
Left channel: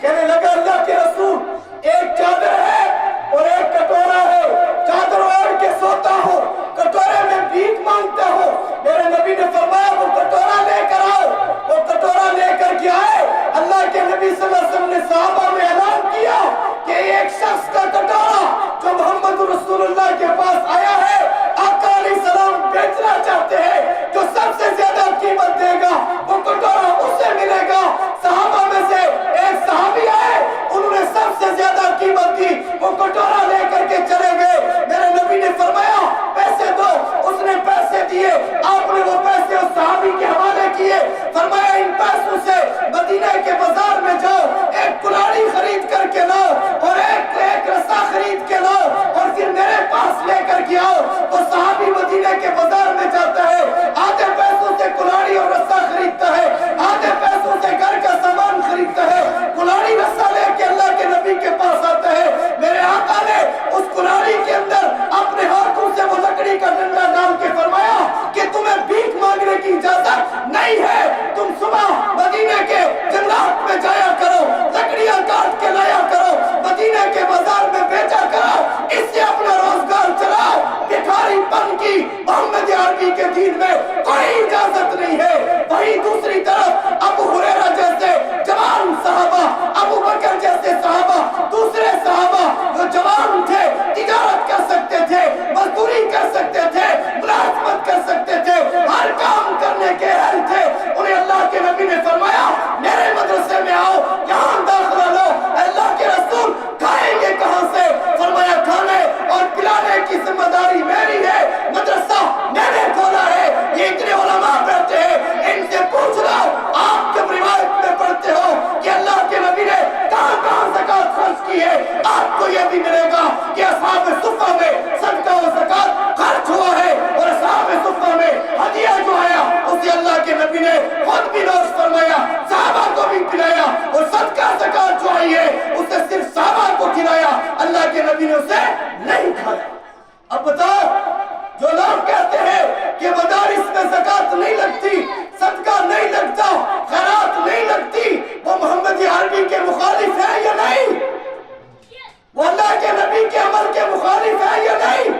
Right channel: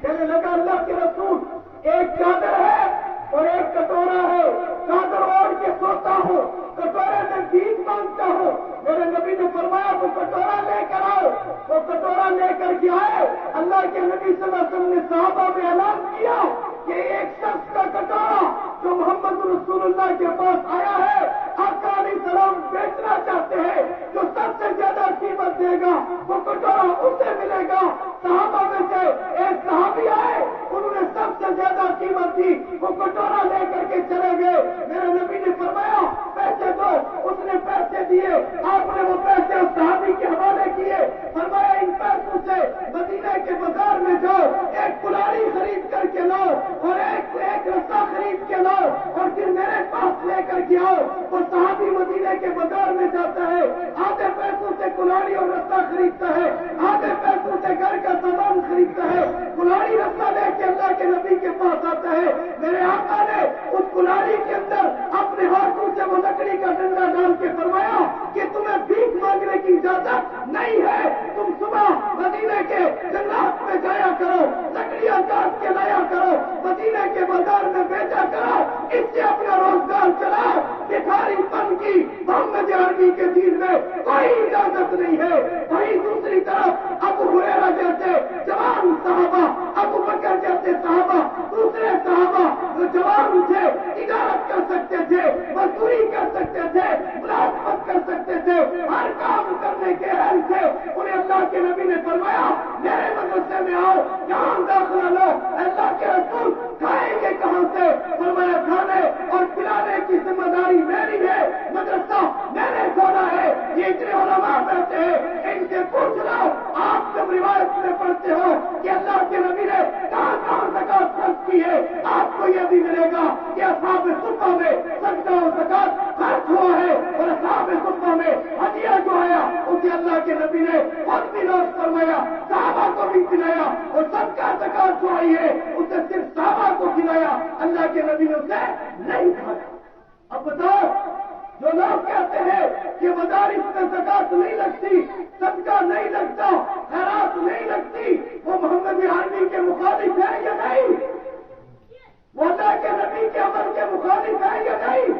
کہنے لگا اللہ کے رسول ایک چادر ہے اور ایک کٹورا ہے، چادر اوڑھ کے سوتا ہوں، کٹورے میں بھیک مانگتا ہوں۔ میرے نبی نے فرمایا وہ کٹورا لے کر آؤ۔ وہ کٹورا لے کر کے آئے۔ اللہ کے نبی صلی اللہ علیہ وسلم نے صحابہ میں اعلان کیا کہ ایک شخص کا کٹورا جو محمد رسول اللہ کے پاس آیا ہے، آقا علیہ السلام بیچنا چاہتے ہیں، جو سب سے زیادہ قیمت دے گا وہ کٹورا اسے ملے گا۔ صحابہ میں سے ایک صحابی آئے، انہوں نے سب سے زیادہ قیمت دی، وہ کٹورا لے کر کے چلے گئے۔ میرے نبی نے فرمایا پیسے دو، اس نے پیسے دیے، آپ نے وہ پیسے اس صحابی کے حوالے کیے، فرمایا ان پیسوں سے مدینہ کے بازار میں جاؤ، ایک کلاڑی خرید کر کے لاؤ اور ایک رسا خرید کے لاؤ اور پھر میرے پاس لے کر کے آؤ۔ وہ صحابی مدینہ کے بازار میں جاتا ہے، آدھے پیسوں سے کلاڑی اور رسا خریدتا ہے، آدھے پیسوں سے گھر کا سامان خریدتا ہے، کلاڑی رسا لے کے اللہ کے نبی کے پاس آتا ہے۔ میرے آقا نے اس کلاڑی کے اندر اپنے ہاتھوں سے وہ لکڑی کا ڈنڈا ڈال کے فرمایا کہ تمہیں بھیک مانگنے کی اجازت نہیں ہے، تم صبح مدینہ کے جنگلات میں جایا کرو، لکڑیاں کاٹ کے لایا کرو، مدینہ کے بازار میں بیچا کرو، اس سے اپنا روزگار چلاؤ۔ بھکاری پن کی محمد عربی کے دین میں کوئی اجازت نہیں ہے۔ وہیں دوسری طرف ابو ہریرہ جیسے جوان صحابہ، ابو بکر جیسے صحابہ، دوسرے صحابہ جو جوان تھے، تجارت کر سکتے تھے، مزدوری کر سکتے تھے، ملازمت کر سکتے تھے، ہر کام کرنے کے اہل تھے، انہیں اللہ کے نبی نے فرمایا میرے مدرسے میں آؤ، یہاں داخلہ لو۔ اللہ کے رسول کھائیں گے کہاں سے؟ فرمایا کھانے اور پلانے کی ذمہ داری میری ہے، مدرسہ میں نے کھولا ہے، یہ اتنے علماء بیٹھے ہیں، ان سے پوچھ لو آپ جب روایت میں پڑھتے ہو کہ اللہ کے نبی نے کہاں کہاں زکوٰۃ خرچ کی ہے، آپ کو یہ بھی ملے گا کہ اصحاب صفہ میں صدقہ و زکات خرچ ہوا ہے، اور اصحاب صفہ میں ہدیہ جو آیا اسے اللہ کے نبی نے خود بھی نوش فرمایا، صحابہ کو بھی پلایا، اور صدقہ زکات جو آئی ہے اسے صرف صحابہ کو کھلایا، اللہ کے نبی نے اسے نہیں کھایا۔ اب بتاؤ، جو لوگ کہتے ہیں کہ مدارس میں زکات نہیں لگتی، صدقہ نہیں لگتا، خیرات نہیں لگتی، وہ محمد عربی کے مخالف ہے یا نہیں؟ وہ اللہ کے نبی کے عمل کے مخالف ہے یا نہیں؟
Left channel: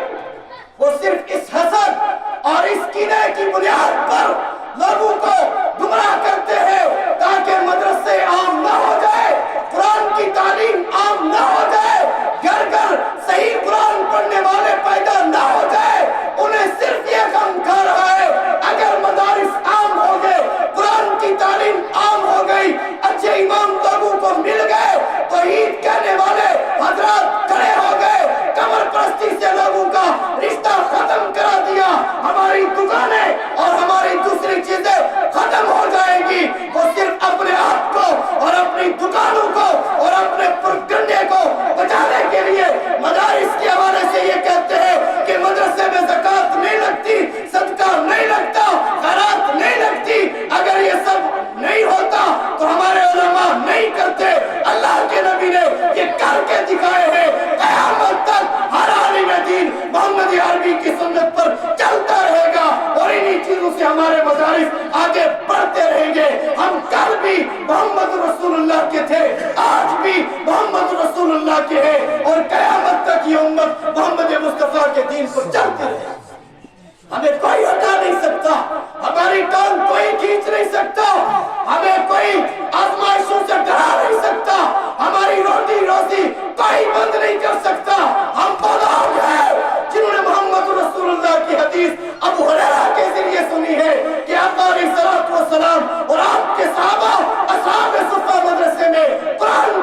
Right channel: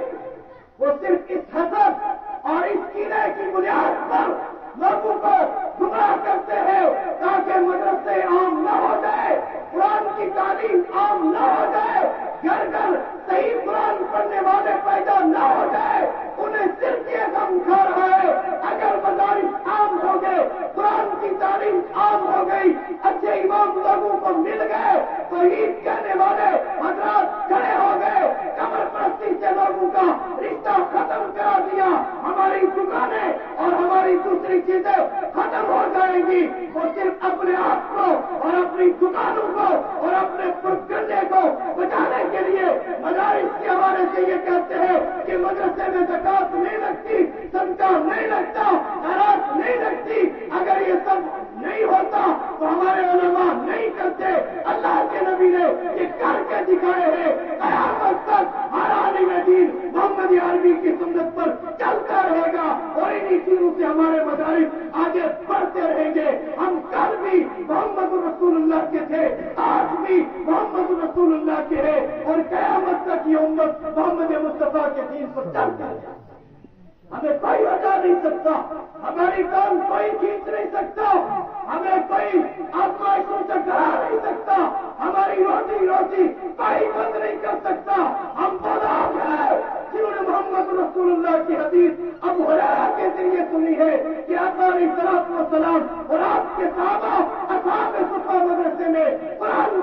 وہ صرف اس حسد اور اس کینے کی بنیاد پر لوگوں کو گمراہ کرتے ہیں تاکہ مدرسے عام نہ ہو جائے، قرآن کی تعلیم عام نہ ہو جائے، گھر گھر صحیح قرآن پڑھنے والے پیدا نہ ہو جائے۔ انہیں صرف یہ غم کھا رہا ہے اگر مدارس عام ہو گئے، قرآن کی تعلیم عام ہو گئی، اچھے امام لوگوں کو مل گئے، توحید کہنے والے حضرات کھڑے ہو گئے، قبر پرستی سے لوگوں کا رشتہ ختم کرا دیا، ہماری دکانیں اور ہماری دوسری چیزیں ختم ہو جائیں گی۔ وہ صرف اپنے آپ کو اور اپنی دکانوں کو اور اپنے پرگنڈے کو بچانے کے لیے مدارس کے حوالے سے یہ کہتے ہیں کہ مدرسے میں زکات نہیں لگتی، صدقہ نہیں لگتا، خیرات نہیں لگتی۔ اگر یہ سب نہیں ہوتا تو ہمارے علماء نہیں کرتے، اللہ کے نبی نے یہ کر کے دکھائے ہیں۔ قیامت تک ہر عالم دین محمد عربی کی سنت پر چلتا رہے گا، اور انہی چیزوں سے ہمارے مدارس آگے بڑھتے رہیں گے۔ ہم کل بھی محمد رسول اللہ کے تھے، آج بھی محمد رسول اللہ کے ہیں، اور قیامت تک یہ امت محمد مصطفیٰ کے دین پر چلتی رہے گی۔ ہمیں کوئی ہٹا نہیں سکتا، ہماری ٹانگ کوئی کھینچ نہیں سکتا، ہمیں کوئی آزمائشوں سے ڈرا نہیں سکتا، ہماری روٹی روزی کوئی بند نہیں کر سکتا۔ ہم وہ لوگ ہیں جنہوں نے محمد رسول اللہ کی حدیث ابو ہریرہ کے ذریعے سنی ہے کہ آقا علیہ الصلوۃ والسلام اور آپ کے صحابہ اصحاب صفہ مدرسے میں قرآن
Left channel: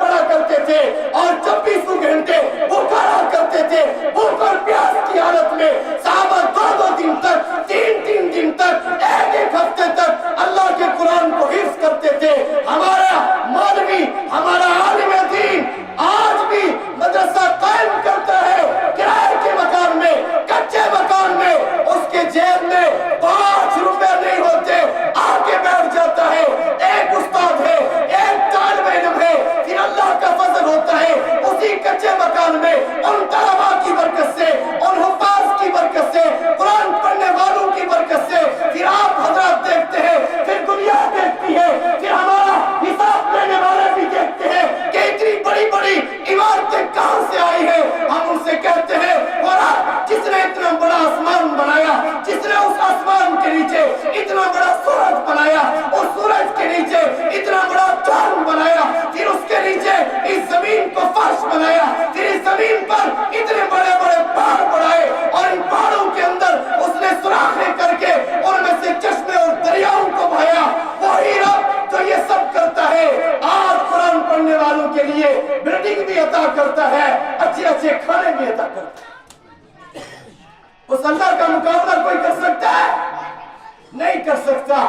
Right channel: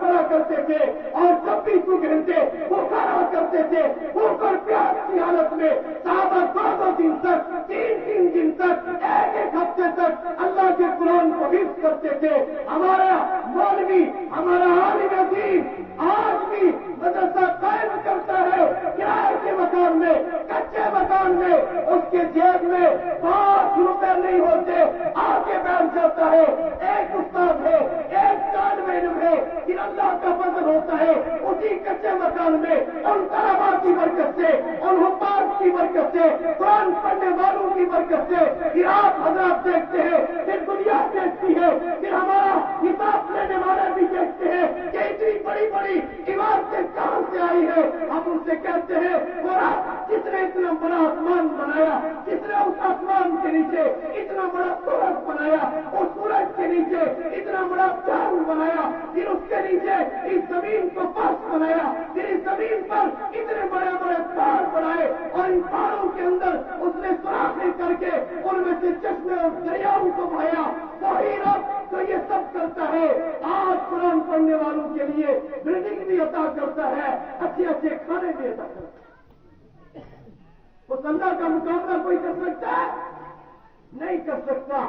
پڑھا کرتے تھے، اور 24 گھنٹے بھوکا رہا کرتے تھے، بھوک اور پیاس کی حالت میں صحابہ 2 دن تک، 3 دن تک، ایک ہفتے تک اللہ کے قرآن کو حفظ کرتے تھے۔ ہمارا مولوی، ہمارا عالم دین آج بھی مدرسہ قائم کرتا ہے کرائے کے مکان میں، کچے مکان میں، اس کے جیب میں 5 روپے نہیں ہوتے، آ کے بیٹھ جاتا ہے، ایک استاد ہے، ایک طالب علم ہے، پھر اللہ کا فضل ہوتا ہے اسی کچے مکان میں ان طلباء کی برکت سے، ان حفاظ کی برکت سے، قرآن پڑھنے والوں کی برکت سے، پھر آپ حضرات دیکھتے ہیں، پھر دنیا دیکھتی ہے، پھر ہمارا حساب لینے والے بھی دیکھتے ہیں کہ اتنی بڑی بڑی عمارتیں کہاں سے آئی ہیں۔ ہم ان سے کہتے ہیں اور جس نے اتنا بڑا آسمان بنایا، جس نے اس آسمان کے نیچے اتنا بڑا سورج بنایا، اس سورج کے نیچے اتنا بڑا چاند بنایا، پھر اس کے نیچے اس زمین کو فرش بنایا، پھر اس زمین پر اتنے بڑے بڑے پہاڑ بنائے، اور ان پہاڑوں کے اندر اس نے سوراخیں کر کے ان میں سے چشمے اور دریاؤں کو بہایا۔ وہی رب جو یہ سب کرتا ہے آج قرآن پڑھنے والوں کے لیے بلڈنگ بھی عطا کرتا ہے، اچھے اچھے کھانے بھی عطا کرتا ہے۔ اس اللہ کا مقابلہ کوئی کر سکتا ہے؟ نہیں کر سکتا۔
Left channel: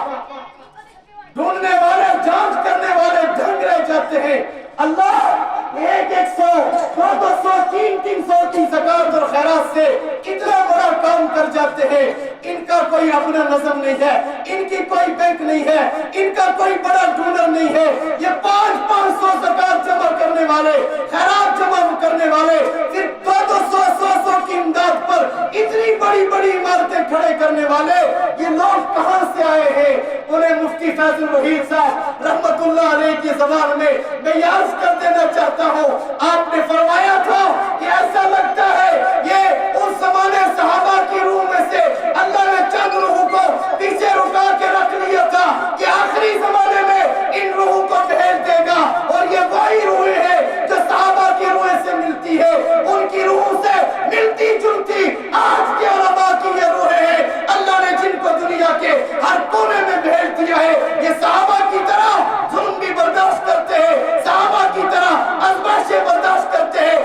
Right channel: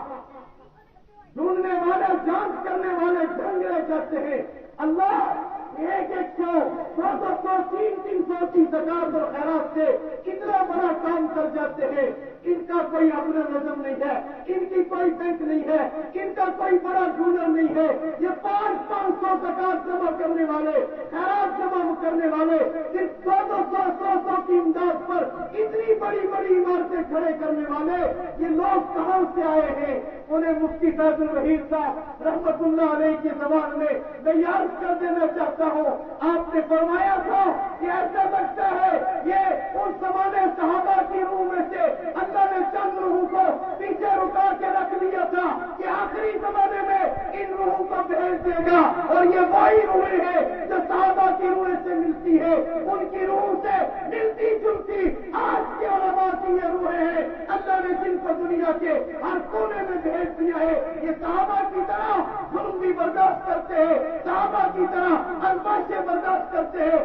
ڈھونڈنے والے، جانچ کرنے والے دھنگ رہ جاتے ہیں۔ اللہ 100، 200، 300 کی زکات اور خیرات سے کتنا بڑا کام کر جاتے ہیں۔ ان کا کوئی اپنا نظم نہیں ہے، ان کی کوئی بینک نہیں ہے، ان کا کوئی بڑا ڈونر نہیں ہے۔ یہ 500 زکات جمع کرنے والے، خیرات جمع کرنے والے، پھر 200 کی امداد پر اتنی بڑی بڑی عمارتیں کھڑے کرنے والے، یہ لوگ کہاں سے آئے ہیں؟ انہیں مفتی فیض الوحید صاحب رحمت اللہ علیہ کی زبان میں یاد کر دینا چاہتا ہوں۔ آپ نے فرمایا تھا کہ ایسا لگتا ہے یہ اس زمانے صحابہ کی روح میں سے اللہ نے چند روحوں کو پیچھے رکا کے رکھ لیا تھا کہ آخری زمانے میں ان روحوں کو بھیج دے گا، اور یہ وہی روحیں ہیں جو صحابہ کی روحیں سے ملتی ہے، ان کی روحوں سے ملتی جلتی آج کے علماء کی یہ روحیں ہیں۔ اللہ نے جن کو دنیا کے ہر کونے میں بھیج دیا ہے، یہ صحابہ کی طرح ظلم بھی برداشت کرتے ہیں، صحابہ کی طرح آزمائشیں برداشت کرتے ہیں،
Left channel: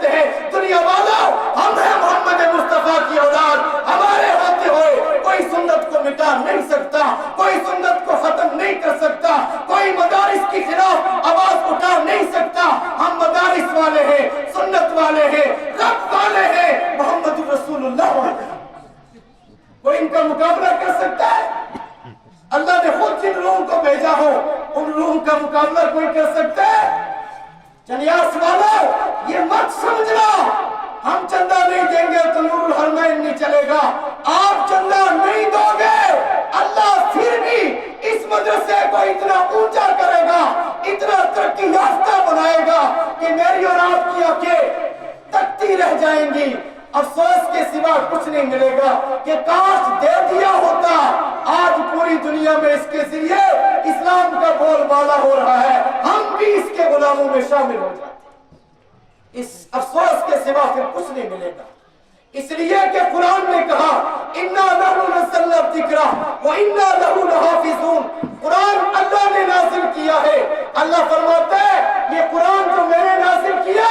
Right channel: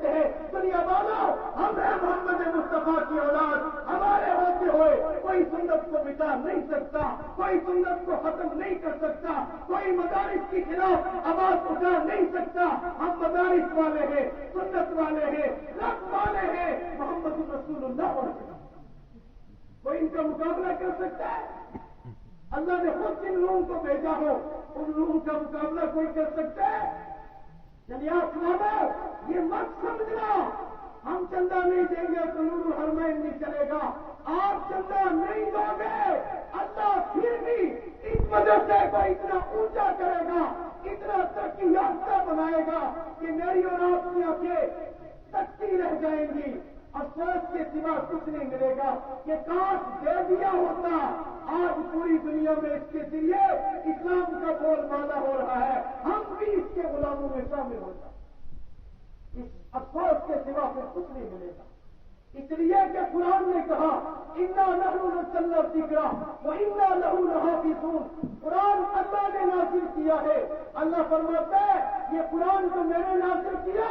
کہتے ہیں دنیا والوں ہم ہیں محمد مصطفیٰ کی اولاد، ہمارے ہوتے ہوئے کوئی سنت کو مٹا نہیں سکتا، کوئی سنت کو ختم نہیں کر سکتا، کوئی مدارس کی خلاف آواز اٹھا نہیں سکتا۔ ہم مدارس والے ہیں، سنت والے ہیں، رب والے ہیں، محمد رسول اللہ والے ہیں۔ کوئی ان کا مقابلہ کر سکتا ہے؟ اللہ نے خود جن لوگوں کو بھیجا ہو ان لوگوں کا مقابلہ کوئی کر سکتا ہے؟ چنیاس والو یہ مت سمجھنا ہم چندہ نہیں دیں گے تو نور الحرمین نہیں چلے گا۔ آپ چندہ نہیں دو گے، اللہ پھر بھی اس مدرسے کو اتنا اونچا کرے گا، اتنا ترقی یافتہ بنائے گا کہ میری اور آپ کی آنکھیں تکتی رہ جائیں گی۔ افسوس کے سوا کچھ نہیں ملے گا کہ کاش دے دیا ہوتا۔ آج پوری دنیا میں اس کے ذریعے اسلام کا بول بالا ہو رہا ہے، ہم بھی اس کے غلاموں میں شامل ہو جاتے۔ اس افسوس کے سوا پھر کچھ نہیں ملے گا، اس لیے کہ قرآن نے کہا اِنَّا نَحْنُ نَزَّلْنَا الذِّكْرَ وَإِنَّا لَهُ لَحَافِظُونَ۔ قرآن اللہ نے نازل کیا ہے۔ اللہ فرماتا ہے یہ قرآن جو میں نے نازل کیا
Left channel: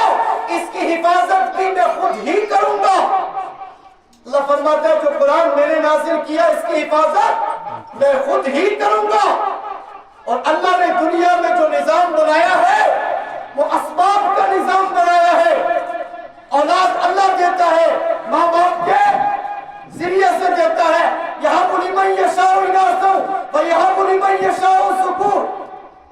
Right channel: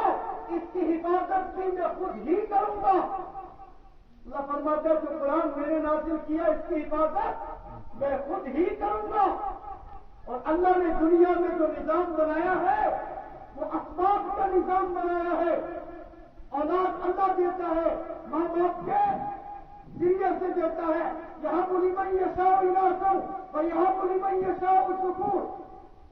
اس کی حفاظت بھی میں خود ہی کروں گا۔ اللہ فرماتا ہے جو قرآن میں نے نازل کیا اس کی حفاظت میں خود ہی کروں گا۔ اور اللہ نے دنیا میں جو نظام بنایا ہے وہ اسباب کا نظام بنایا ہے۔ اولاد اللہ دیتا ہے، ماں باپ کے ذریعے سے دیتا ہے۔ یَهَبُ لِمَن يَشَاءُ إِنَاثًا وَيَهَبُ لِمَن يَشَاءُ الذُّكُورَ۔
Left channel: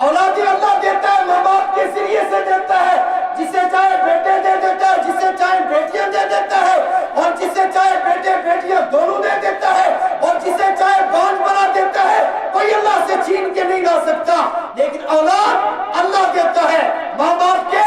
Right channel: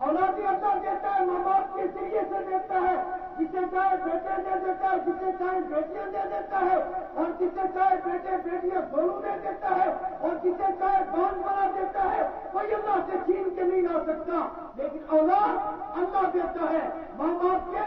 اولادی اللہ دیتا ہے، ماں باپ کے ذریعے سے دیتا ہے، جسے چاہے بیٹے دے دیتا ہے، جسے چاہے بیٹیاں دے دیتا ہے، اور جسے چاہے بیٹے بیٹیاں دونوں دے دیتا ہے، اور جسے چاہے بانج بنا دیتا ہے۔ کوئی اللہ سے چھین کے نہیں لا سکتا، لیکن اولاد اللہ دیتا ہے، ماں باپ کے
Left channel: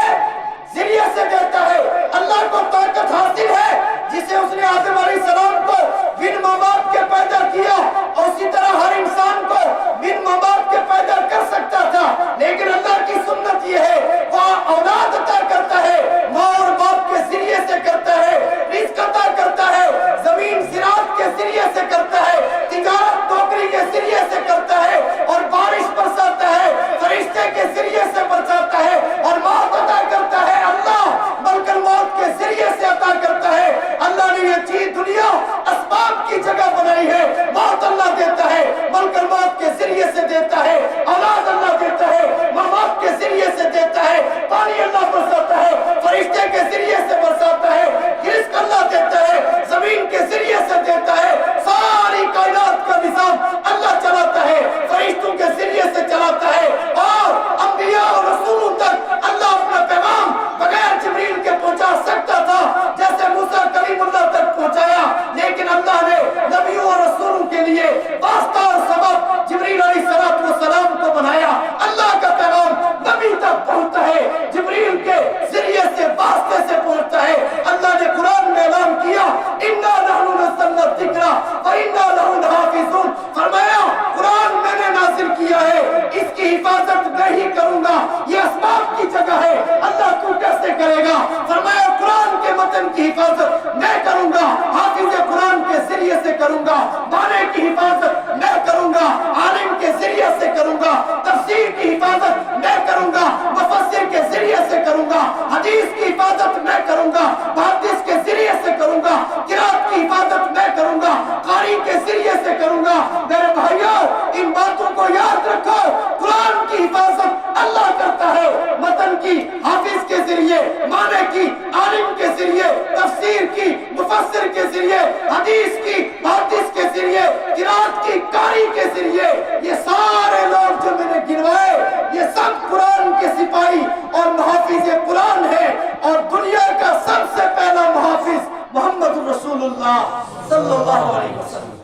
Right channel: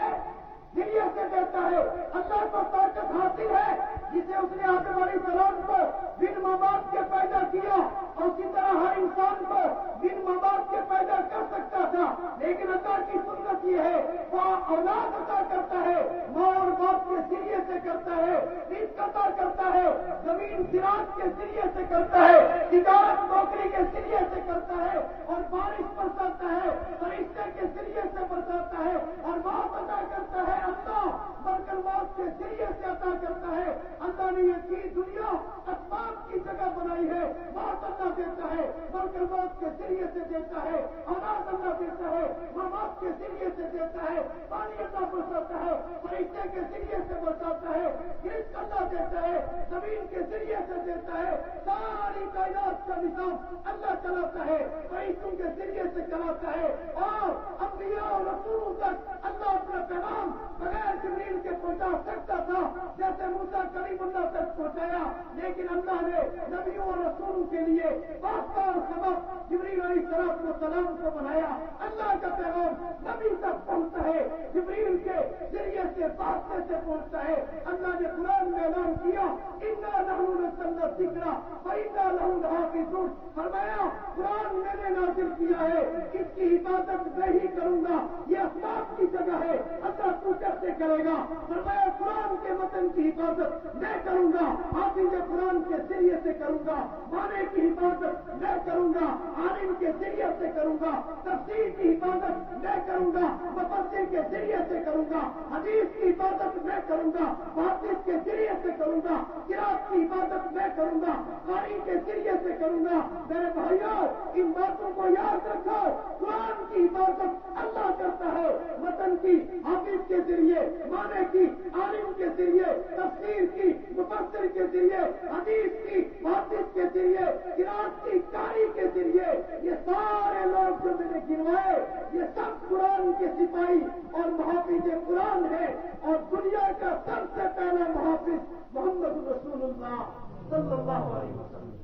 ذریعے سے دیتا ہے۔ اللہ کو طاقت حاصل ہے جسے اس نے آدم علیہ السلام کو بن ماں باپ کے پیدا کیا، اور اسی طرح ہر انسان کو بن ماں باپ کے پیدا کر سکتا تھا، لیکن اللہ کی سنت یہ ہے وہ اولاد عطا کرتا ہے، ماں اور باپ کے ذریعے سے کرتا ہے، رزق عطا کرتا ہے، زمین زراعت کے ذریعے سے کرتا ہے، تجارت نوکری کے ذریعے سے کرتا ہے، اور بارش برساتا ہے، فرشتے کے ذریعے سے برساتا ہے، اور موت عطا کرتا ہے اللہ، ملک الموت کے ذریعے سے عطا کرتا ہے۔ اللہ نے یہ چیز دنیا اسباب کی جگہ بنائی ہے۔ موت اللہ دیتا ہے، ملک الموت کے ذریعے سے دیتا ہے، اولاد اللہ دیتا ہے، ماں باپ کے ذریعے سے دیتا ہے، پانی اللہ برساتا ہے، فرشتے کے ذریعے سے برساتا ہے، رزق اللہ دیتا ہے، زمین کے ذریعے سے دیتا ہے، ساری کائنات کا نظام اللہ چلاتا ہے، فرشتوں کے ذریعے سے چلاتا ہے، اور انبیاء اور رسولوں تک اللہ اپنا پیغام بغیر جبریل کے پہنچا سکتا تھا، جیسے موسیٰ کلیم اللہ تک پہنچایا، لیکن اللہ نے نبیوں اور رسولوں کے لیے واسطہ اور سبب جبریل علیہ السلام کو بنایا۔ اللہ کا پیغام نبی تک پہنچتا ہے، جبریل کے ذریعے سے واسطے سے پہنچتا ہے۔ اللہ نے قرآن میں اعلان کیا اِنَّا نَحْنُ نَزَّلْنَا الذِّكْرَ وَإِنَّا لَهُ لَحَافِظُونَ۔ فرمایا قرآن میں نے نازل کیا ہے، اس کی حفاظت میں ہی کروں گا۔ یہ اسباب کی جگہ ہے، اللہ تو کیسے کرے گا؟ فرمایا قرآن کے متن کی حفاظت میں کروں گا، حافظ قرآن کے ذریعے سے کروں گا، بانے کی حفاظت میں کروں گا، عالم کے ذریعے سے کروں گا، تفسیر کی حفاظت میں کروں گا، مفسر کے ذریعے سے کروں گا، حدیث کی حفاظت میں کروں گا، محدث کے ذریعے سے کروں گا، قرات کی حفاظت میں کروں گا، قاری کے ذریعے سے کروں گا۔ میرے بھائیوں ان باتوں کو یاد رکھو، قرآن کی حفاظت اللہ کرتا ہے، متن کی حافظ کے ذریعے، معنی کی عالم کے ذریعے، تفسیر کی مفسر کے ذریعے، حدیث کی محدث کے ذریعے، قرات کی قاری کے ذریعے۔ یہ سارے لوگ جو میں نے گنوائے یہ سب قرآن کے سپاہی اور محافظ قرآن ہیں، اور دنیا کا سب سے پہلا محافظ محمد رسول اللہ صلی اللہ علیہ وسلم۔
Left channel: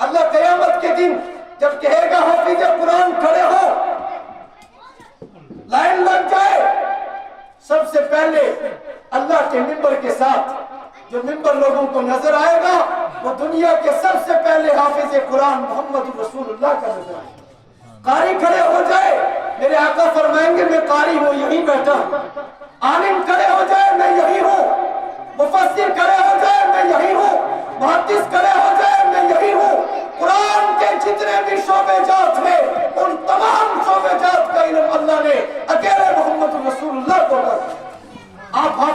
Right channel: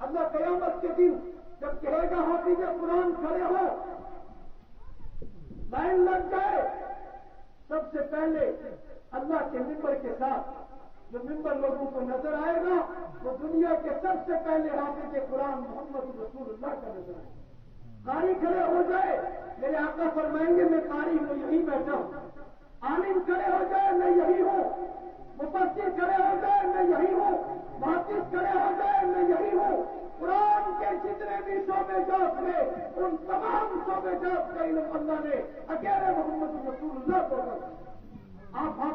اللہ قیامت کے دن جب کہے گا حافظ قرآن کھڑے ہو، لائن لگ جائے، سب سے پہلے اللہ کے ممبر کے ساتھ جو ممبر لوگوں کو نظر آئے گا وہ دنیا کے سب سے پہلے حافظ قرآن محمد رسول اللہ کا نظر آئے گا۔ قاری کھڑے ہو جائے، میرے آقا فرمائیں گے میں قاری ہوں، یہی بیٹھا ہوں۔ عالم کھڑے ہو جائے، میں یہی ہوں۔ مفسر کھڑے ہو جائے، میں یہی ہوں۔ محدث کھڑے ہو جائے، میں یہی ہوں۔ قرآن کے جتنے بھی شعبے جات ہیں ان تمام شعبے جات کا علم اللہ نے اکیلے محمد رسول اللہ کو کر۔ آپ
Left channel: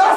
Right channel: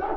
10